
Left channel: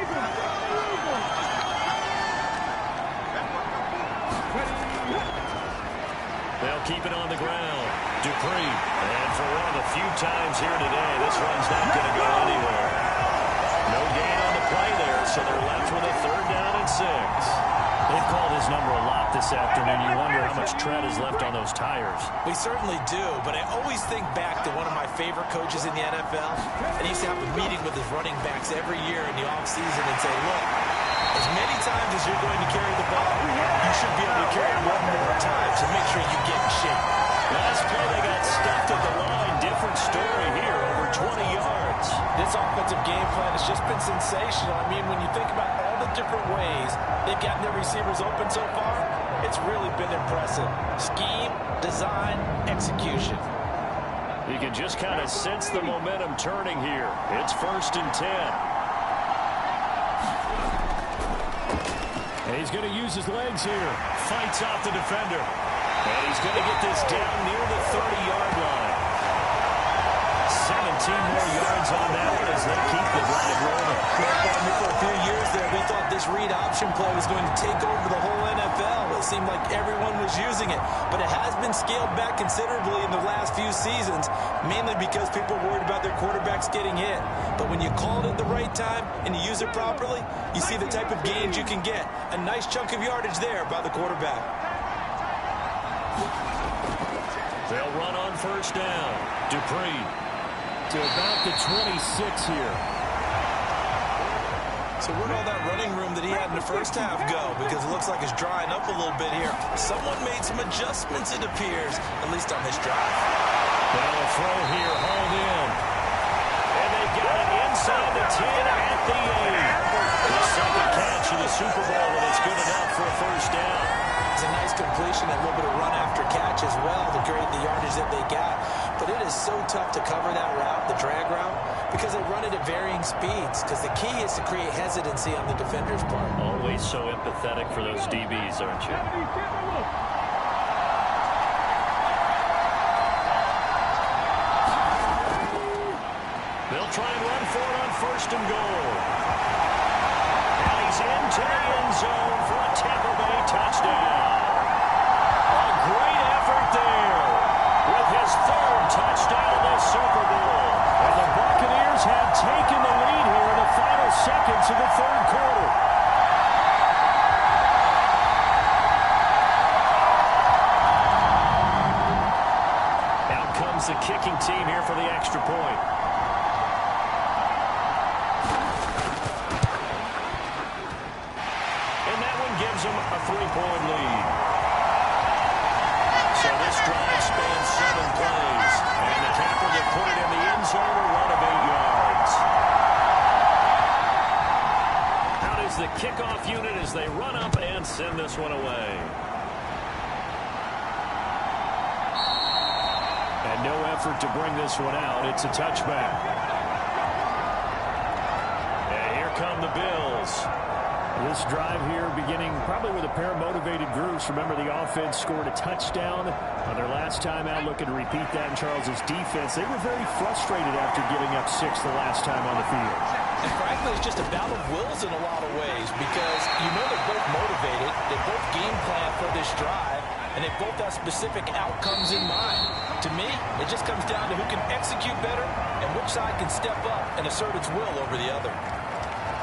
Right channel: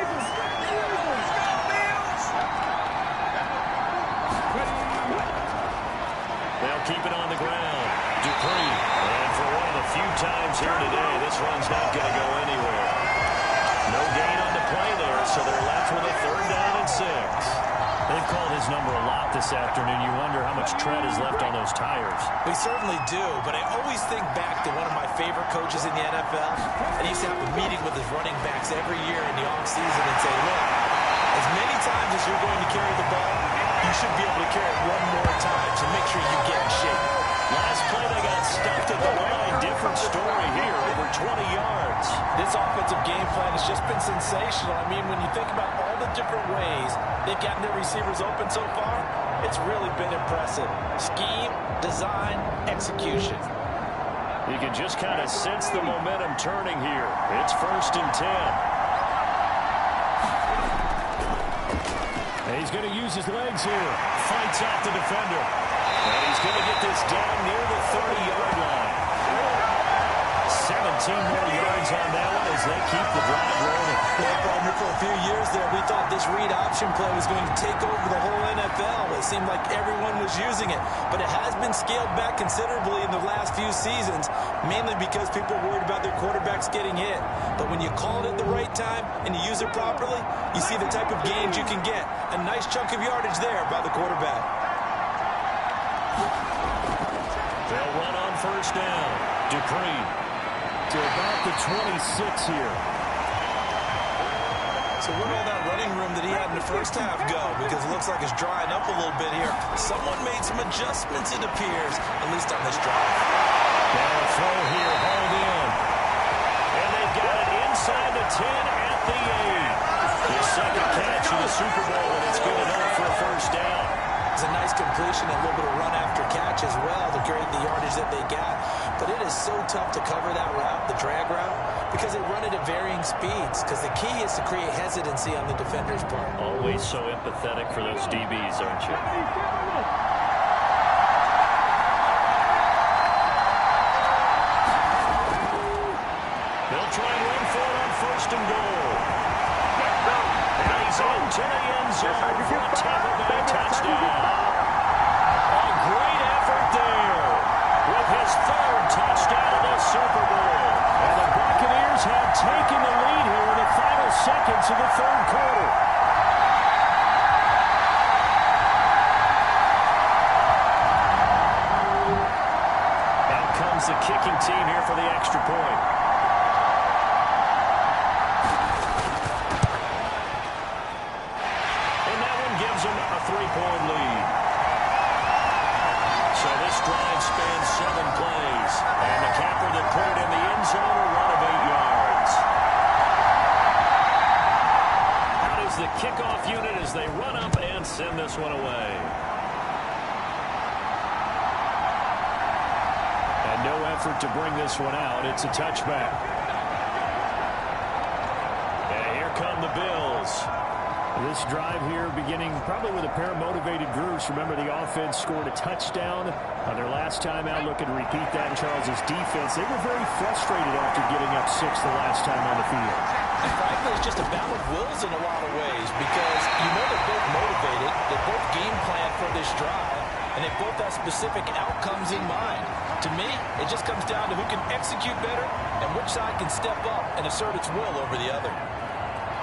They'll keep it on the ground. Dupree. And for one of the few times here today, this run's not going to go anywhere. No gain on the play there, so they're left with a third down and 6. They've called his number a lot this afternoon. You wonder how much tread is left on those tires. We certainly do, but I always think back to one of my favorite coaches in the NFL. And he used to have a meeting with his running backs every year in the offseason and say, look, as many times as you're going to carry the ball, you should be able to carry it one more time, so make sure you get in shape. Last play, they got stuffed at the line. Different story here, over 20 yards. This offensive game plan has just been sensational. I mean, when you think about all the different ways they've gotten their receivers open so far, it's really been impressive. Scheme, design, execution. You can just kind of sense the momentum turning here. It's 1st and 10. And he's going to use his legs here. Fights off the defender. And he's going to get this down near the 30-yard line. 17 more yards on that one as they keep the drive rolling. Well, partner, for a few years there, we thought this read option play was going to take over the whole NFL. It seemed like everyone was using it. But it has been scaled back considerably in the last few seasons, mainly because people worried about their quarterbacks getting hit. But when you call it at the right time and you use it properly, you see the type of gains you can get. A nice chunk of yardage there by the quarterback. They'll run on 1st down. Dupree to about the 26 here. So where'd all that running room that he had in the first half go? Because it looks like it's drying up a little bit here. Someone made some adjustments, it appears, at least on this drive. Now a throw here, hauled in. And they've got it inside the 10 at the 8. His second catch of the Super Bowl, and it's good enough for a 1st down. It's a nice completion, a little bit of run after catch as well to create the yardage that they got. But it is so tough to cover that route, the drag route, because they run it at varying speeds. Because the key is to create hesitancy on the defender's part. Always so empathetic for those DBs, aren't you? They'll try and run for it on 1st and goal. And he's into the end zone for a Tampa Bay touchdown. A great effort there with his 3rd touchdown of the Super Bowl. And the Buccaneers have taken the lead here in the final seconds of the 3rd quarter. Out comes the kicking team here for the extra point. Gives them a 3-point lead. So this drive spans 7 plays. And the capper that put it in the end zone, a run of 8 yards. Out is the kickoff unit as they run up and send this one away. And no effort to bring this one out. It's a touchback. And here come the Bills. This drive here beginning probably with a pair of motivated groups. Remember, the offense scored a touchdown on their last time out. Looking to repeat that in Charles's defense. They were very frustrated after giving up 6 the last time on the field. And frankly, it's just a battle of wills in a lot of ways because you know they're both motivated. They both game plan for this drive, and they both have specific outcomes in mind. To me, it just comes down to who can execute better and which side can step up and assert its will over the other.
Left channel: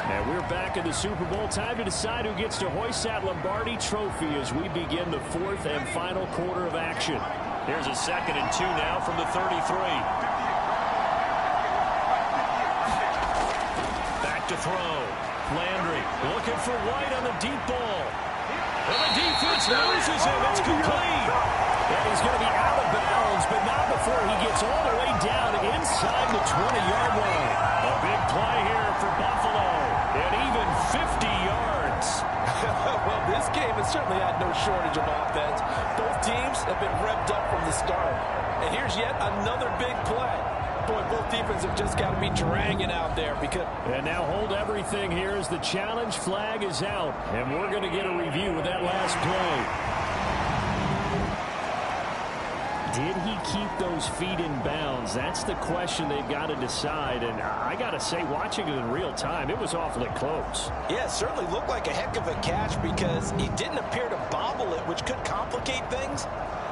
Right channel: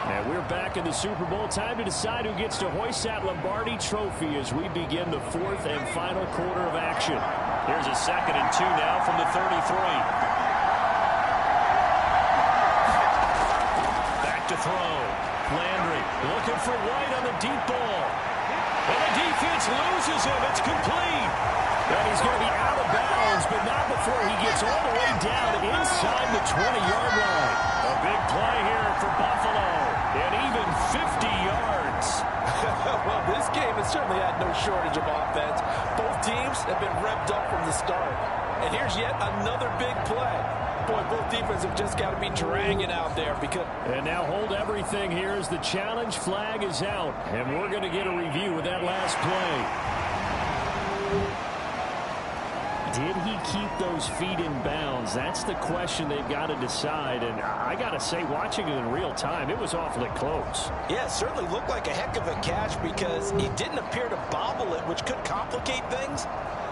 And we're back in the Super Bowl. Time to decide who gets to hoist that Lombardi trophy as we begin the 4th and final quarter of action. Here's a 2nd and 2 now from the 33. Back to throw. Landry looking for White on the deep ball. And the defense loses him. It's complete. And he's going to be out of bounds, but not before he gets all the way down inside the 20-yard line. A big play here for Buffalo. And even 50 yards. Well, this game has certainly had no shortage of offense. Both teams have been revved up from the start. And here's yet another big play. Boy, both defenses have just got to be dragging out there because... And now hold everything here as the challenge flag is out. And we're going to get a review of that last play. Did he keep those feet in bounds? That's the question they've got to decide. And I got to say, watching it in real time, it was awfully close. Yeah, it certainly looked like a heck of a catch because he didn't appear to bobble it, which could complicate things.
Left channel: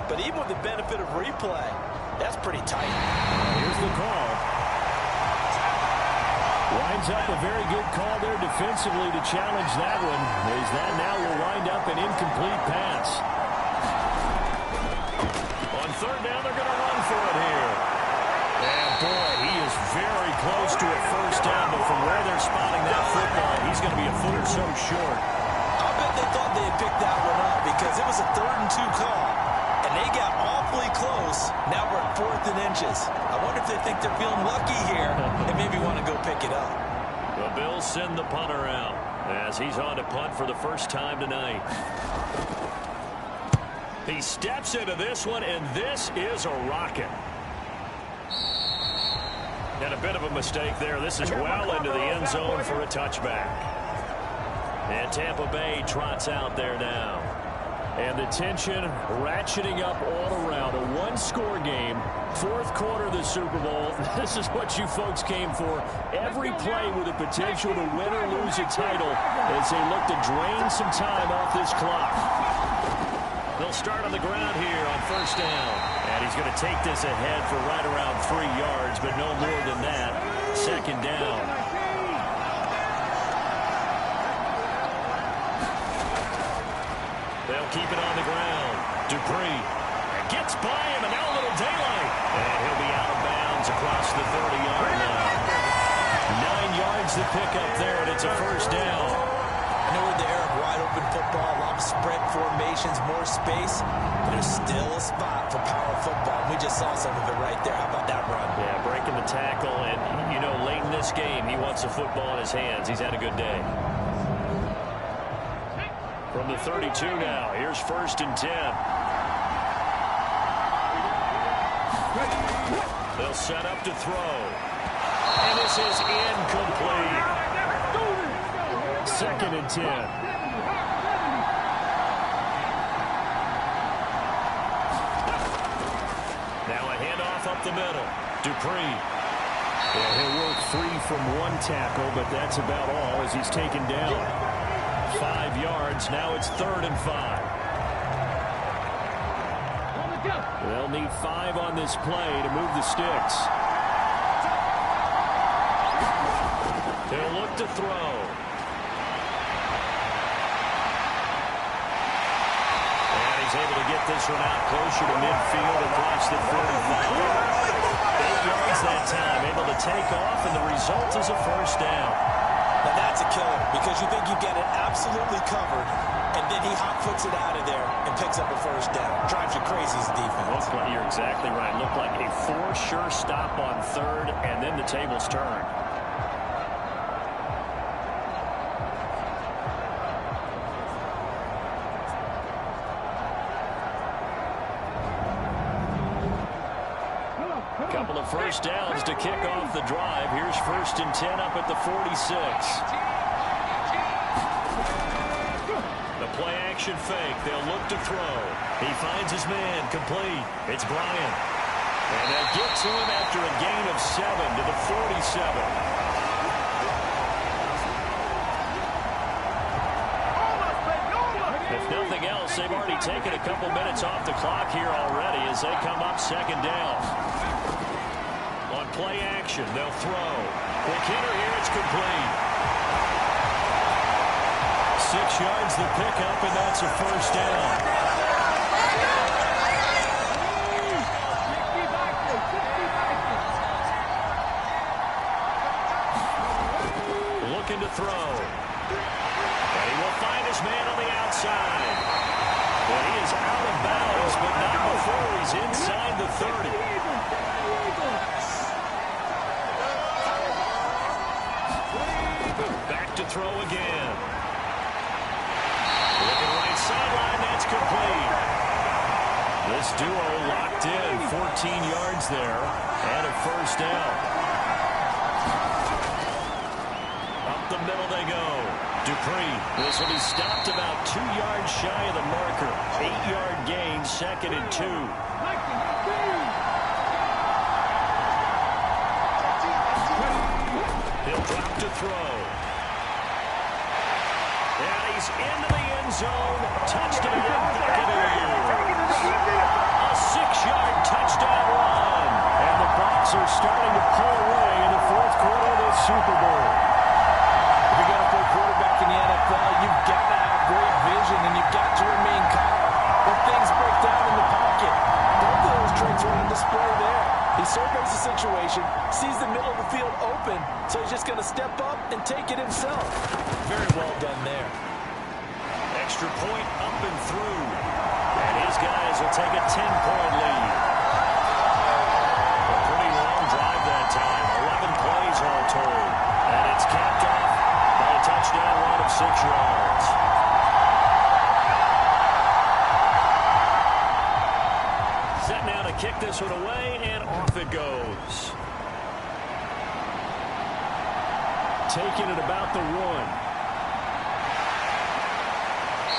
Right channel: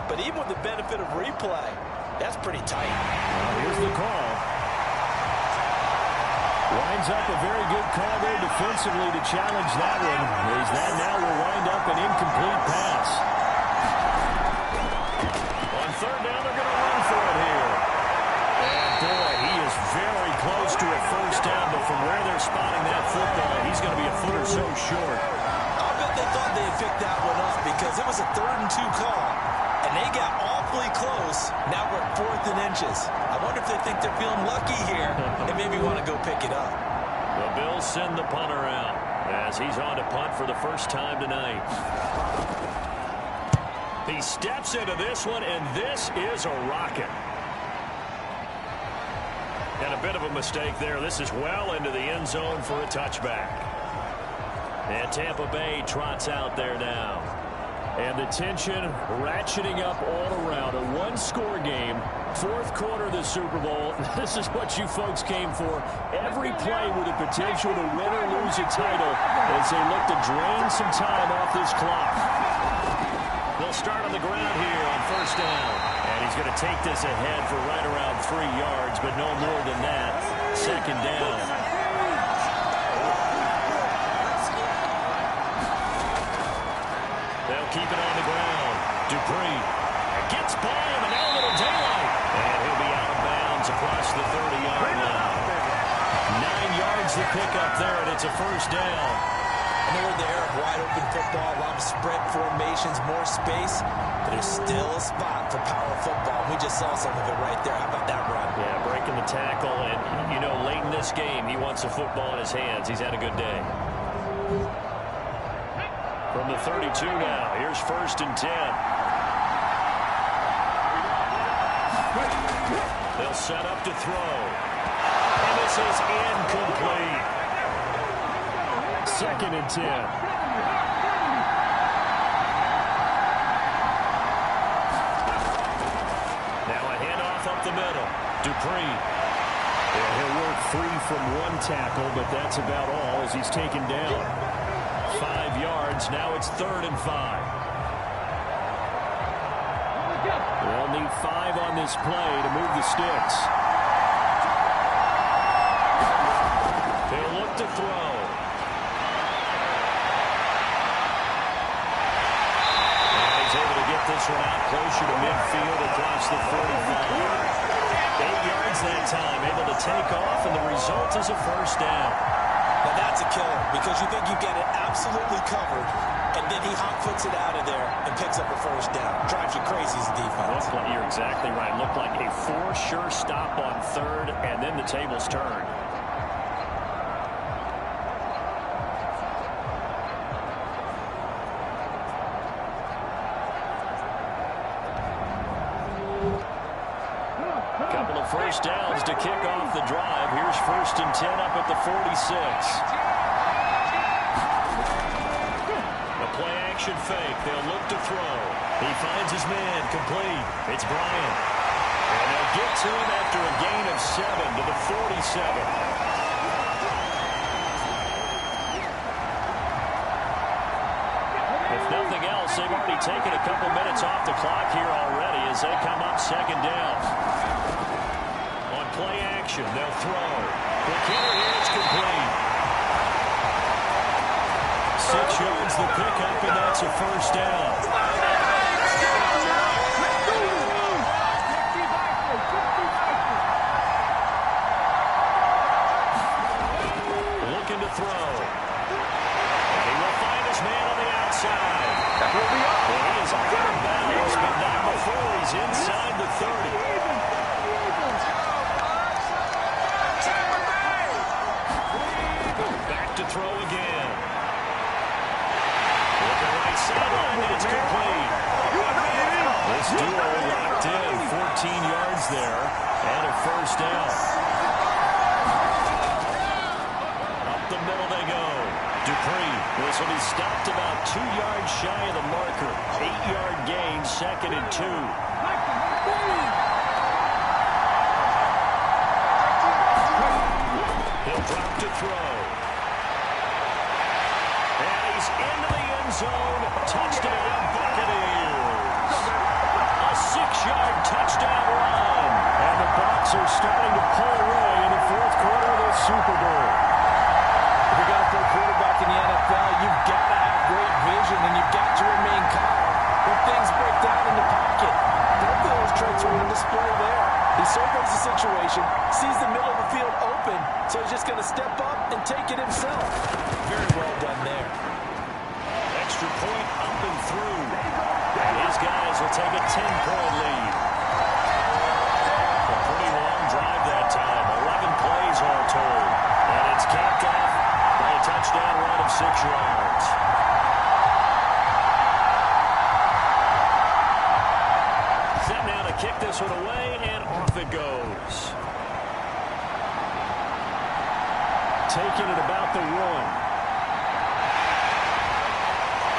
But even with the benefit of replay, that's pretty tight. Well, here's the call. Winds up a very good call there defensively to challenge that one. As that now will wind up an incomplete pass. On third down, they're going to run for it here. And, boy, he is very close to a first down, but from where they're spotting that football, he's going to be a foot or so short. I'll bet they thought they had picked that one up because it was a 3rd and 2 call, and they got awfully close. Now we're at 4th and inches. I wonder if they think they're feeling lucky here and maybe want to go pick it up. The Bills send the punter out as he's on to punt for the first time tonight. He steps into this one, and this is a rocket. And a bit of a mistake there. This is well into the end zone for a touchback. And Tampa Bay trots out there now. And the tension ratcheting up all around. A one-score game, 4th quarter of the Super Bowl. This is what you folks came for. Every play with the potential to win or lose a title as they look to drain some time off this clock. They'll start on the ground here on first down. And he's going to take this ahead for right around 3 yards, but no more than that. Second down. They'll keep it on the ground. Dupree gets by him, and now a little daylight. And he'll be out of bounds across the 30-yard line. 9 yards to pick up there, and it's a first down. I know we're in the era of wide-open football, a lot of spread formations, more space, but there's still a spot for power football. We just saw some of it right there. How about that run? Yeah, breaking the tackle, and, you know, late in this game, he wants the football in his hands. He's had a good day. From the 32 now, here's 1st and 10. They'll set up to throw. And this is incomplete. 2nd and 10. Now a handoff up the middle. Dupree. Yeah, he'll work free from one tackle, but that's about all as he's taken down. 5 yards. Now it's 3rd and 5. They'll need 5 on this play to move the sticks. They'll look to throw. Able to get this one out closer to midfield across the 45. 8 yards that time, able to take off, and the result is a first down. Now that's a killer because you think you get it absolutely covered, and then he hot-foots it out of there and picks up a first down. Drives you crazy as a defense. Looked like, you're exactly right. Looked like a for-sure stop on 3rd, and then the tables turned. Couple of first downs to kick off the drive. Here's 1st and 10 up at the 46. The play action fake. They'll look to throw. He finds his man complete. It's Bryant. And they'll get to him after a gain of 7 to the 47. If nothing else, they've already taken a couple minutes off the clock here already as they come up 2nd down. On play action, they'll throw. Quick hitter here, it's complete. 6 yards the pickup, and that's a first down. Looking to throw. And he will find his man on the outside. And he is out of bounds, but not before he's inside the 30. Back to throw again. Looking right sideline, that's complete. This duo locked in, 14 yards there, and a first down. Up the middle they go. Dupree. This will be stopped about 2 yards shy of the marker. 8-yard gain, 2nd and 2. He'll drop to throw. And he's into the end zone. Touchdown, Buccaneers. A 6-yard touchdown run. And the Bucs are starting to pull away in the 4th quarter of this Super Bowl. If you're going to play quarterback in the NFL, you've got to have great vision, and you've got to remain calm when things break down in the pocket. Both of those traits are on display there. He surveys the situation, sees the middle of the field open, so he's just going to step up and take it himself. Very well done there. Extra point up and through. And his guys will take a 10-point lead. A pretty long drive that time. 11 plays all told. And it's capped off by a touchdown run of 6 yards. Set now to kick this one away, and off it goes. Taking it about the 1.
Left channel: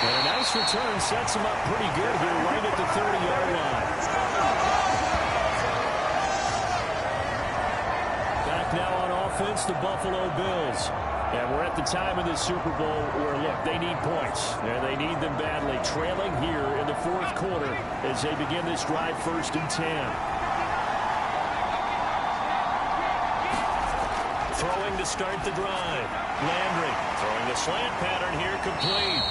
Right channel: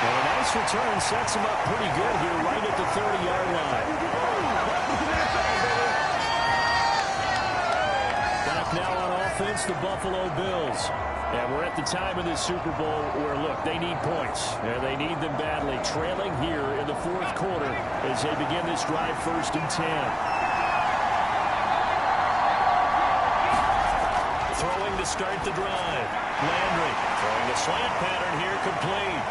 And a nice return sets him up pretty good here right at the 30-yard line. Back now on offense, the Buffalo Bills. And we're at the time of this Super Bowl where, look, they need points. And they need them badly. Trailing here in the 4th quarter as they begin this drive 1st and 10. Throwing to start the drive. Landry throwing the slant pattern here, complete.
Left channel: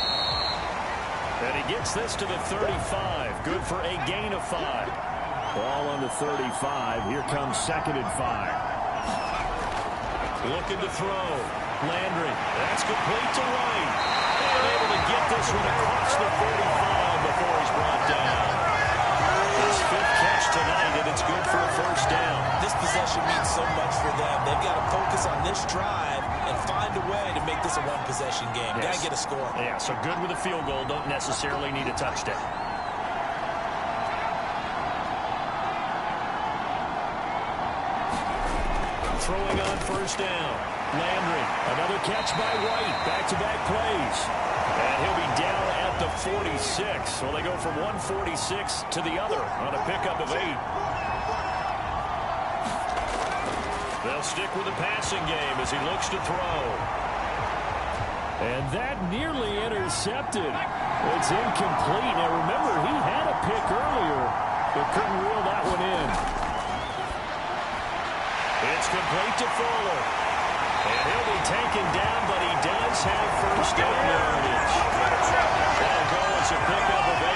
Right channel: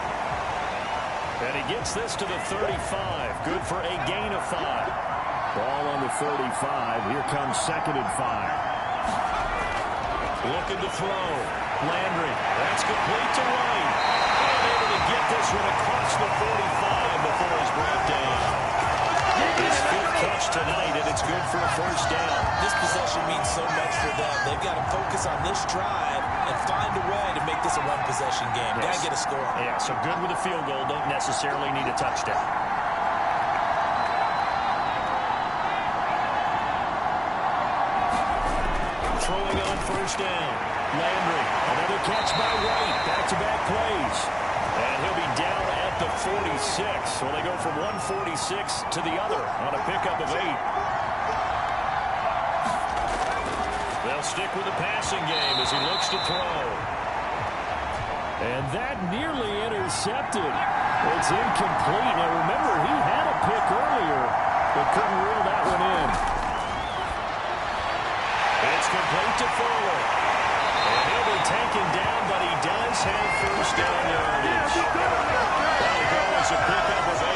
And he gets this to the 35. Good for a gain of 5. Ball on the 35. Here comes 2nd and 5. Looking to throw. Landry. That's complete to White. And able to get this one across the 45 before he's brought down. His 5th catch tonight, and it's good for a first down. This possession means so much for them. They've got to focus on this drive and find a way to make this a one-possession game. Yes. Got to get a score. Yeah, so good with a field goal. Don't necessarily need a touchdown. Throwing on first down. Landry, another catch by White. Back-to-back plays. And he'll be down at the 46. So they go from 146 to the other on a pickup of 8. They'll stick with the passing game as he looks to throw. And that nearly intercepted. It's incomplete. Now remember, he had a pick earlier, but couldn't reel that one in. It's complete to Fuller. And he'll be taken down, but he does have first down yardage. That'll go as a pickup of 8.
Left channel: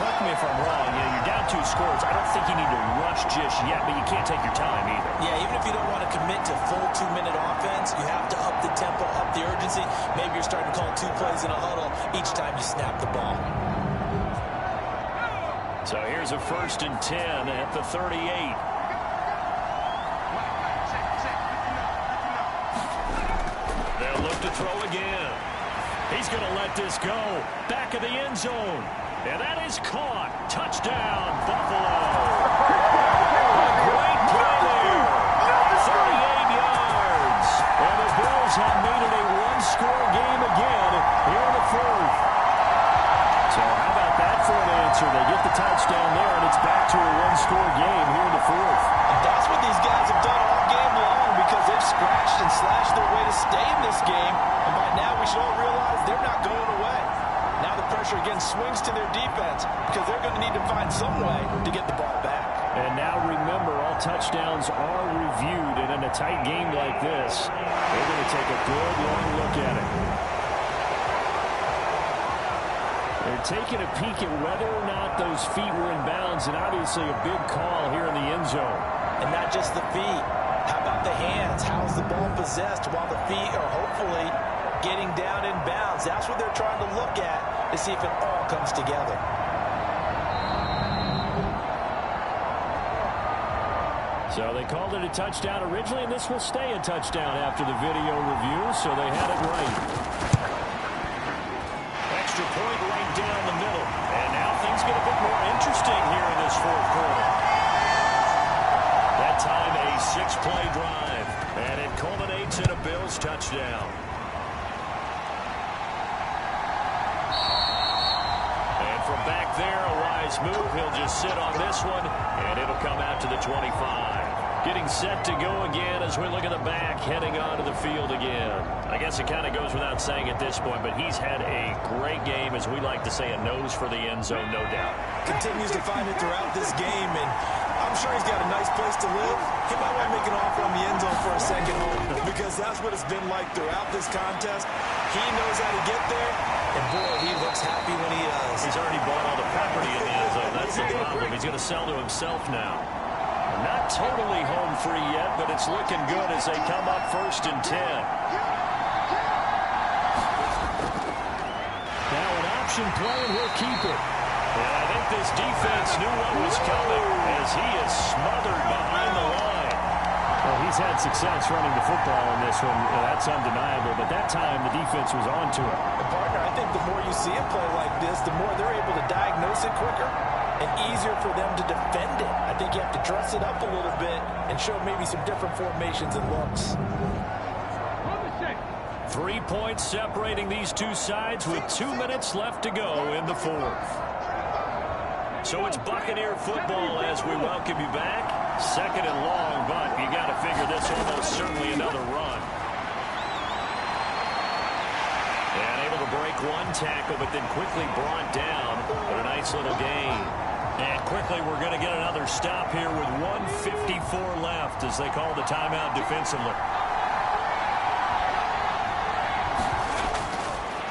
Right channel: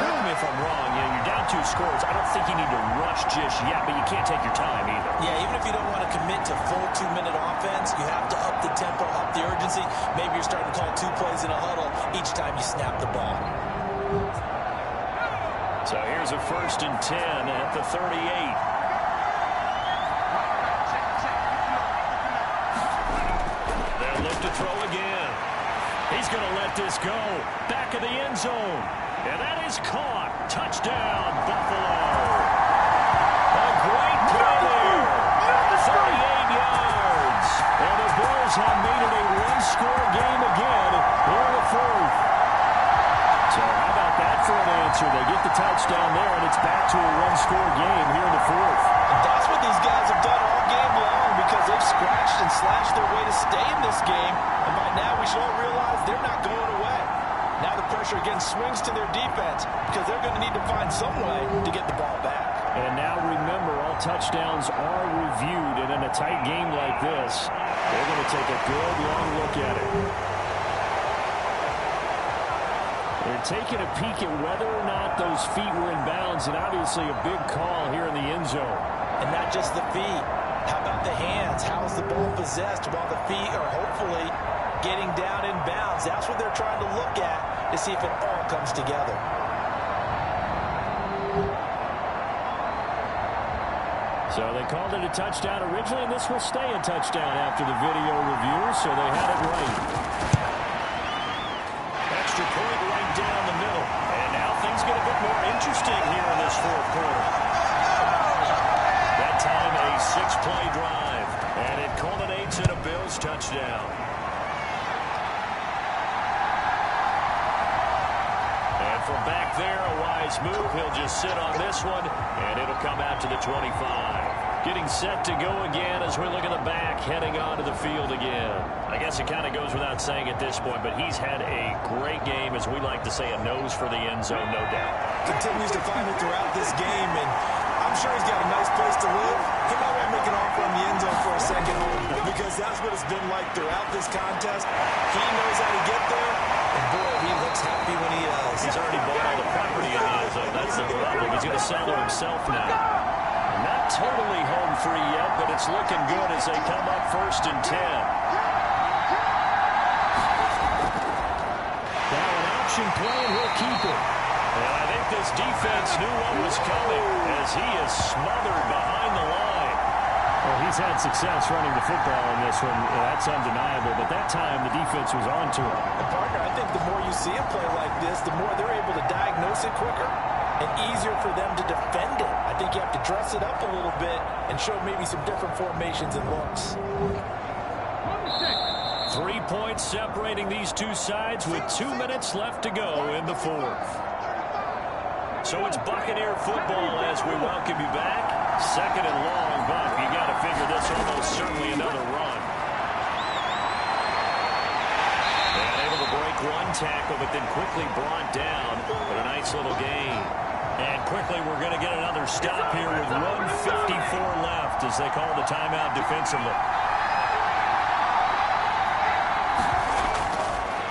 Correct me if I'm wrong. You're down 2 scores. I don't think you need to rush just yet, but you can't take your time either. Yeah, even if you don't want to commit to full 2-minute offense, you have to up the tempo, up the urgency. Maybe you're starting to call 2 plays in a huddle each time you snap the ball. So here's a 1st and 10 at the 38. They'll look to throw again. He's going to let this go. Back of the end zone. And that is caught. Touchdown, Buffalo. A great play there. 38 yards. And the Bills have made it a 1-score game again here in the 4th. So how about that for an answer? They get the touchdown there, and it's back to a 1-score game here in the 4th. And that's what these guys have done all game long, because they've scratched and slashed their way to stay in this game. And by now we should all realize they're not going away. Now the pressure again swings to their defense, because they're going to need to find some way to get the ball back. And now remember, all touchdowns are reviewed, and in a tight game like this, they're going to take a good long look at it. They're taking a peek at whether or not those feet were in bounds, and obviously a big call here in the end zone. And not just the feet. How about the hands? How is the ball possessed while the feet are hopefully getting down in bounds? That's what they're trying to look at to see if it all comes together. So they called it a touchdown originally, and this will stay a touchdown after the video review, so they had it right. Extra point right down the middle. And now things get a bit more interesting here in this fourth quarter. That time a 6-play drive, and it culminates in a Bills touchdown. And from back there, a wise move. He'll just sit on this one, and it'll come out to the 25. Getting set to go again as we look at the back, heading onto the field again. I guess it kind of goes without saying at this point, but he's had a great game, as we like to say, a nose for the end zone, no doubt. Continues to find it throughout this game, and I'm sure he's got a nice place to live. He might want to make an offer on the end zone for a second home, because that's what it's been like throughout this contest. He knows how to get there, and boy, he looks happy when he does. He's already bought all the property in the end zone. That's the problem. He's going to sell to himself now. Not totally home free yet, but it's looking good as they come up 1st and 10. Now an option play, and he'll keep it. And I think this defense knew what was coming as he is smothered behind the line. Well, he's had success running the football in this one. That's undeniable, but that time the defense was on to him. And partner, I think the more you see him play like this, the more they're able to diagnose it quicker and easier for them to defend it. I think you have to dress it up a little bit and show maybe some different formations and looks. 3 points separating these two sides with 2 minutes left to go in the fourth. So it's Buccaneer football as we welcome you back. 2nd and long, but you got to figure this almost certainly another run. And able to break one tackle, but then quickly brought down. But a nice little gain. And quickly we're going to get another stop here with 1:54 left as they call the timeout defensively.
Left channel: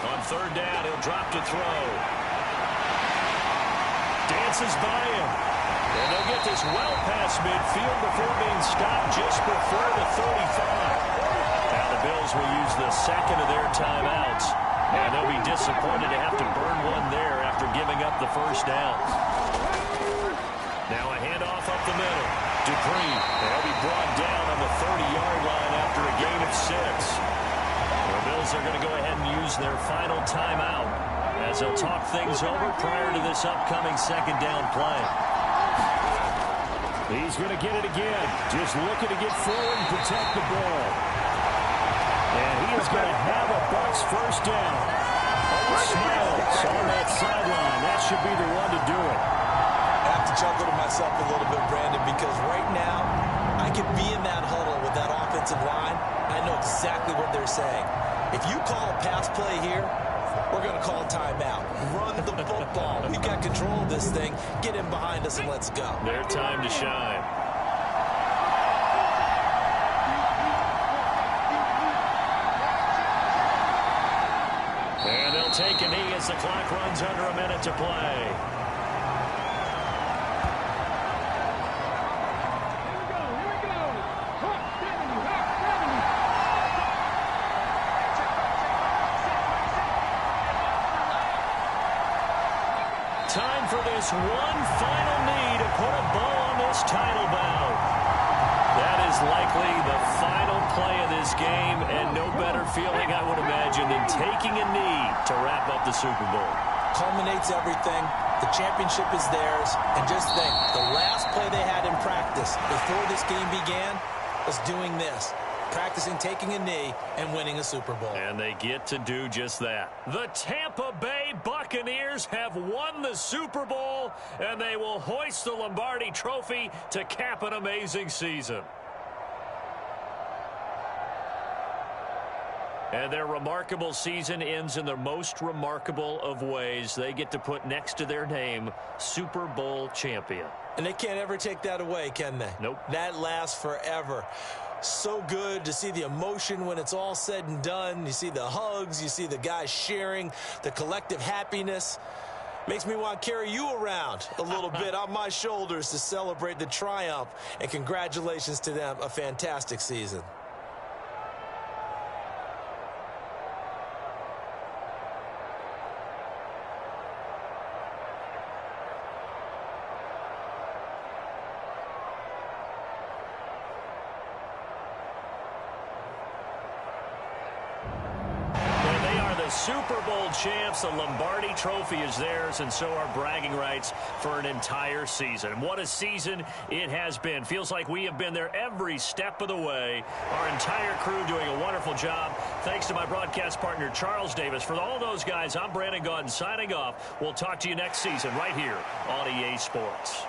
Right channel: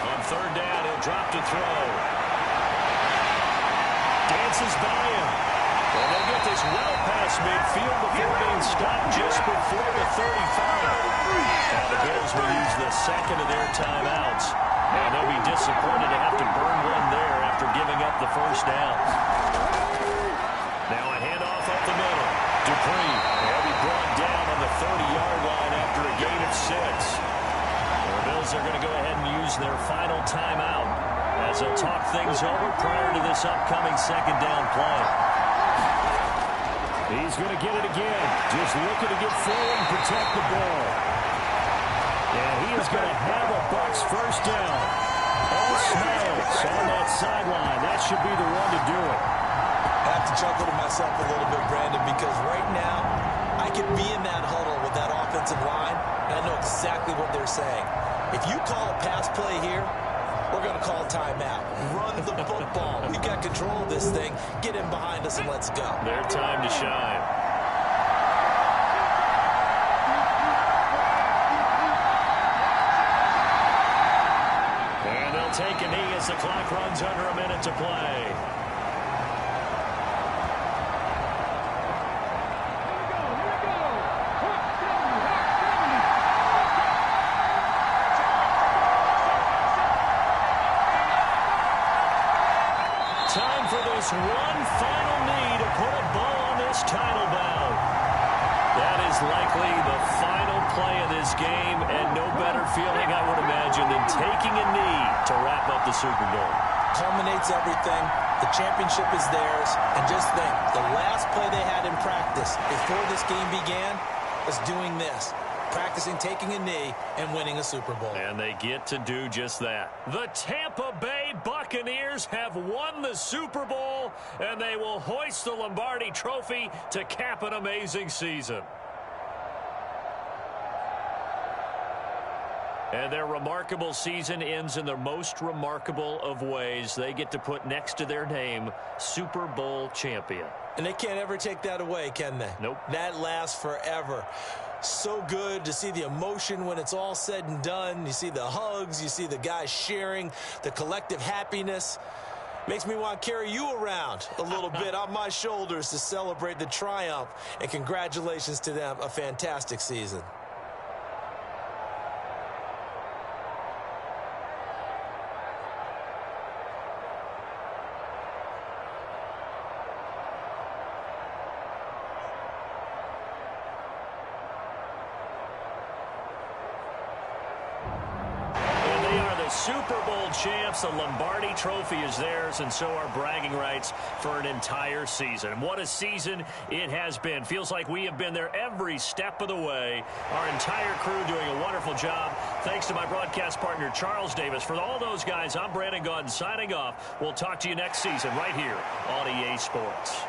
On 3rd down, he'll drop to throw. Dances by him. And they'll get this well past midfield before being stopped just before the 35. Now the Bills will use the 2nd of their timeouts. And they'll be disappointed to have to burn one there after giving up the 1st down. Now a handoff up the middle. Dupree, they'll be brought down on the 30-yard line after a gain of 6. The Bills are going to go ahead and use their final timeout as they'll talk things over prior to this upcoming 2nd down play. He's going to get it again. Just looking to get forward and protect the ball. And he is going to have a Bucs 1st down. All smiles on that sideline. That should be the one to do it. I have to chuckle to myself a little bit, Brandon, because right now I could be in that huddle with that offensive line, and I know exactly what they're saying. If you call a pass play here, we're going to call timeout. Run the football. We've got control of this thing. Get in behind us and let's go. Their time to shine. And they'll take a knee as the clock runs under a minute to play. Time for this one final knee to put a bow on this title bout. That is likely the final play of this game, and no better feeling, I would imagine, than taking a knee to wrap up the Super Bowl. Culminates everything. The championship is theirs. And just think, the last play they had in practice before this game began was doing this. Practicing taking a knee and winning a Super Bowl. And they get to do just that. The Tampa Bay Buccaneers have won the Super Bowl, and they will hoist the Lombardi Trophy to cap an amazing season. And their remarkable season ends in the most remarkable of ways. They get to put next to their name, Super Bowl champion. And they can't ever take that away, can they? Nope. That lasts forever. So good to see the emotion when it's all said and done. You see the hugs, you see the guys sharing, the collective happiness. Makes me want to carry you around a little bit on my shoulders to celebrate the triumph. And congratulations to them, a fantastic season. the Super Bowl champs. The Lombardi Trophy is theirs, and so are bragging rights for an entire season. What a season it has been. Feels like we have been there every step of the way. Our entire crew doing a wonderful job. Thanks to my broadcast partner, Charles Davis. For all those guys, I'm Brandon Gaudin signing off. We'll talk to you next season right here on EA Sports.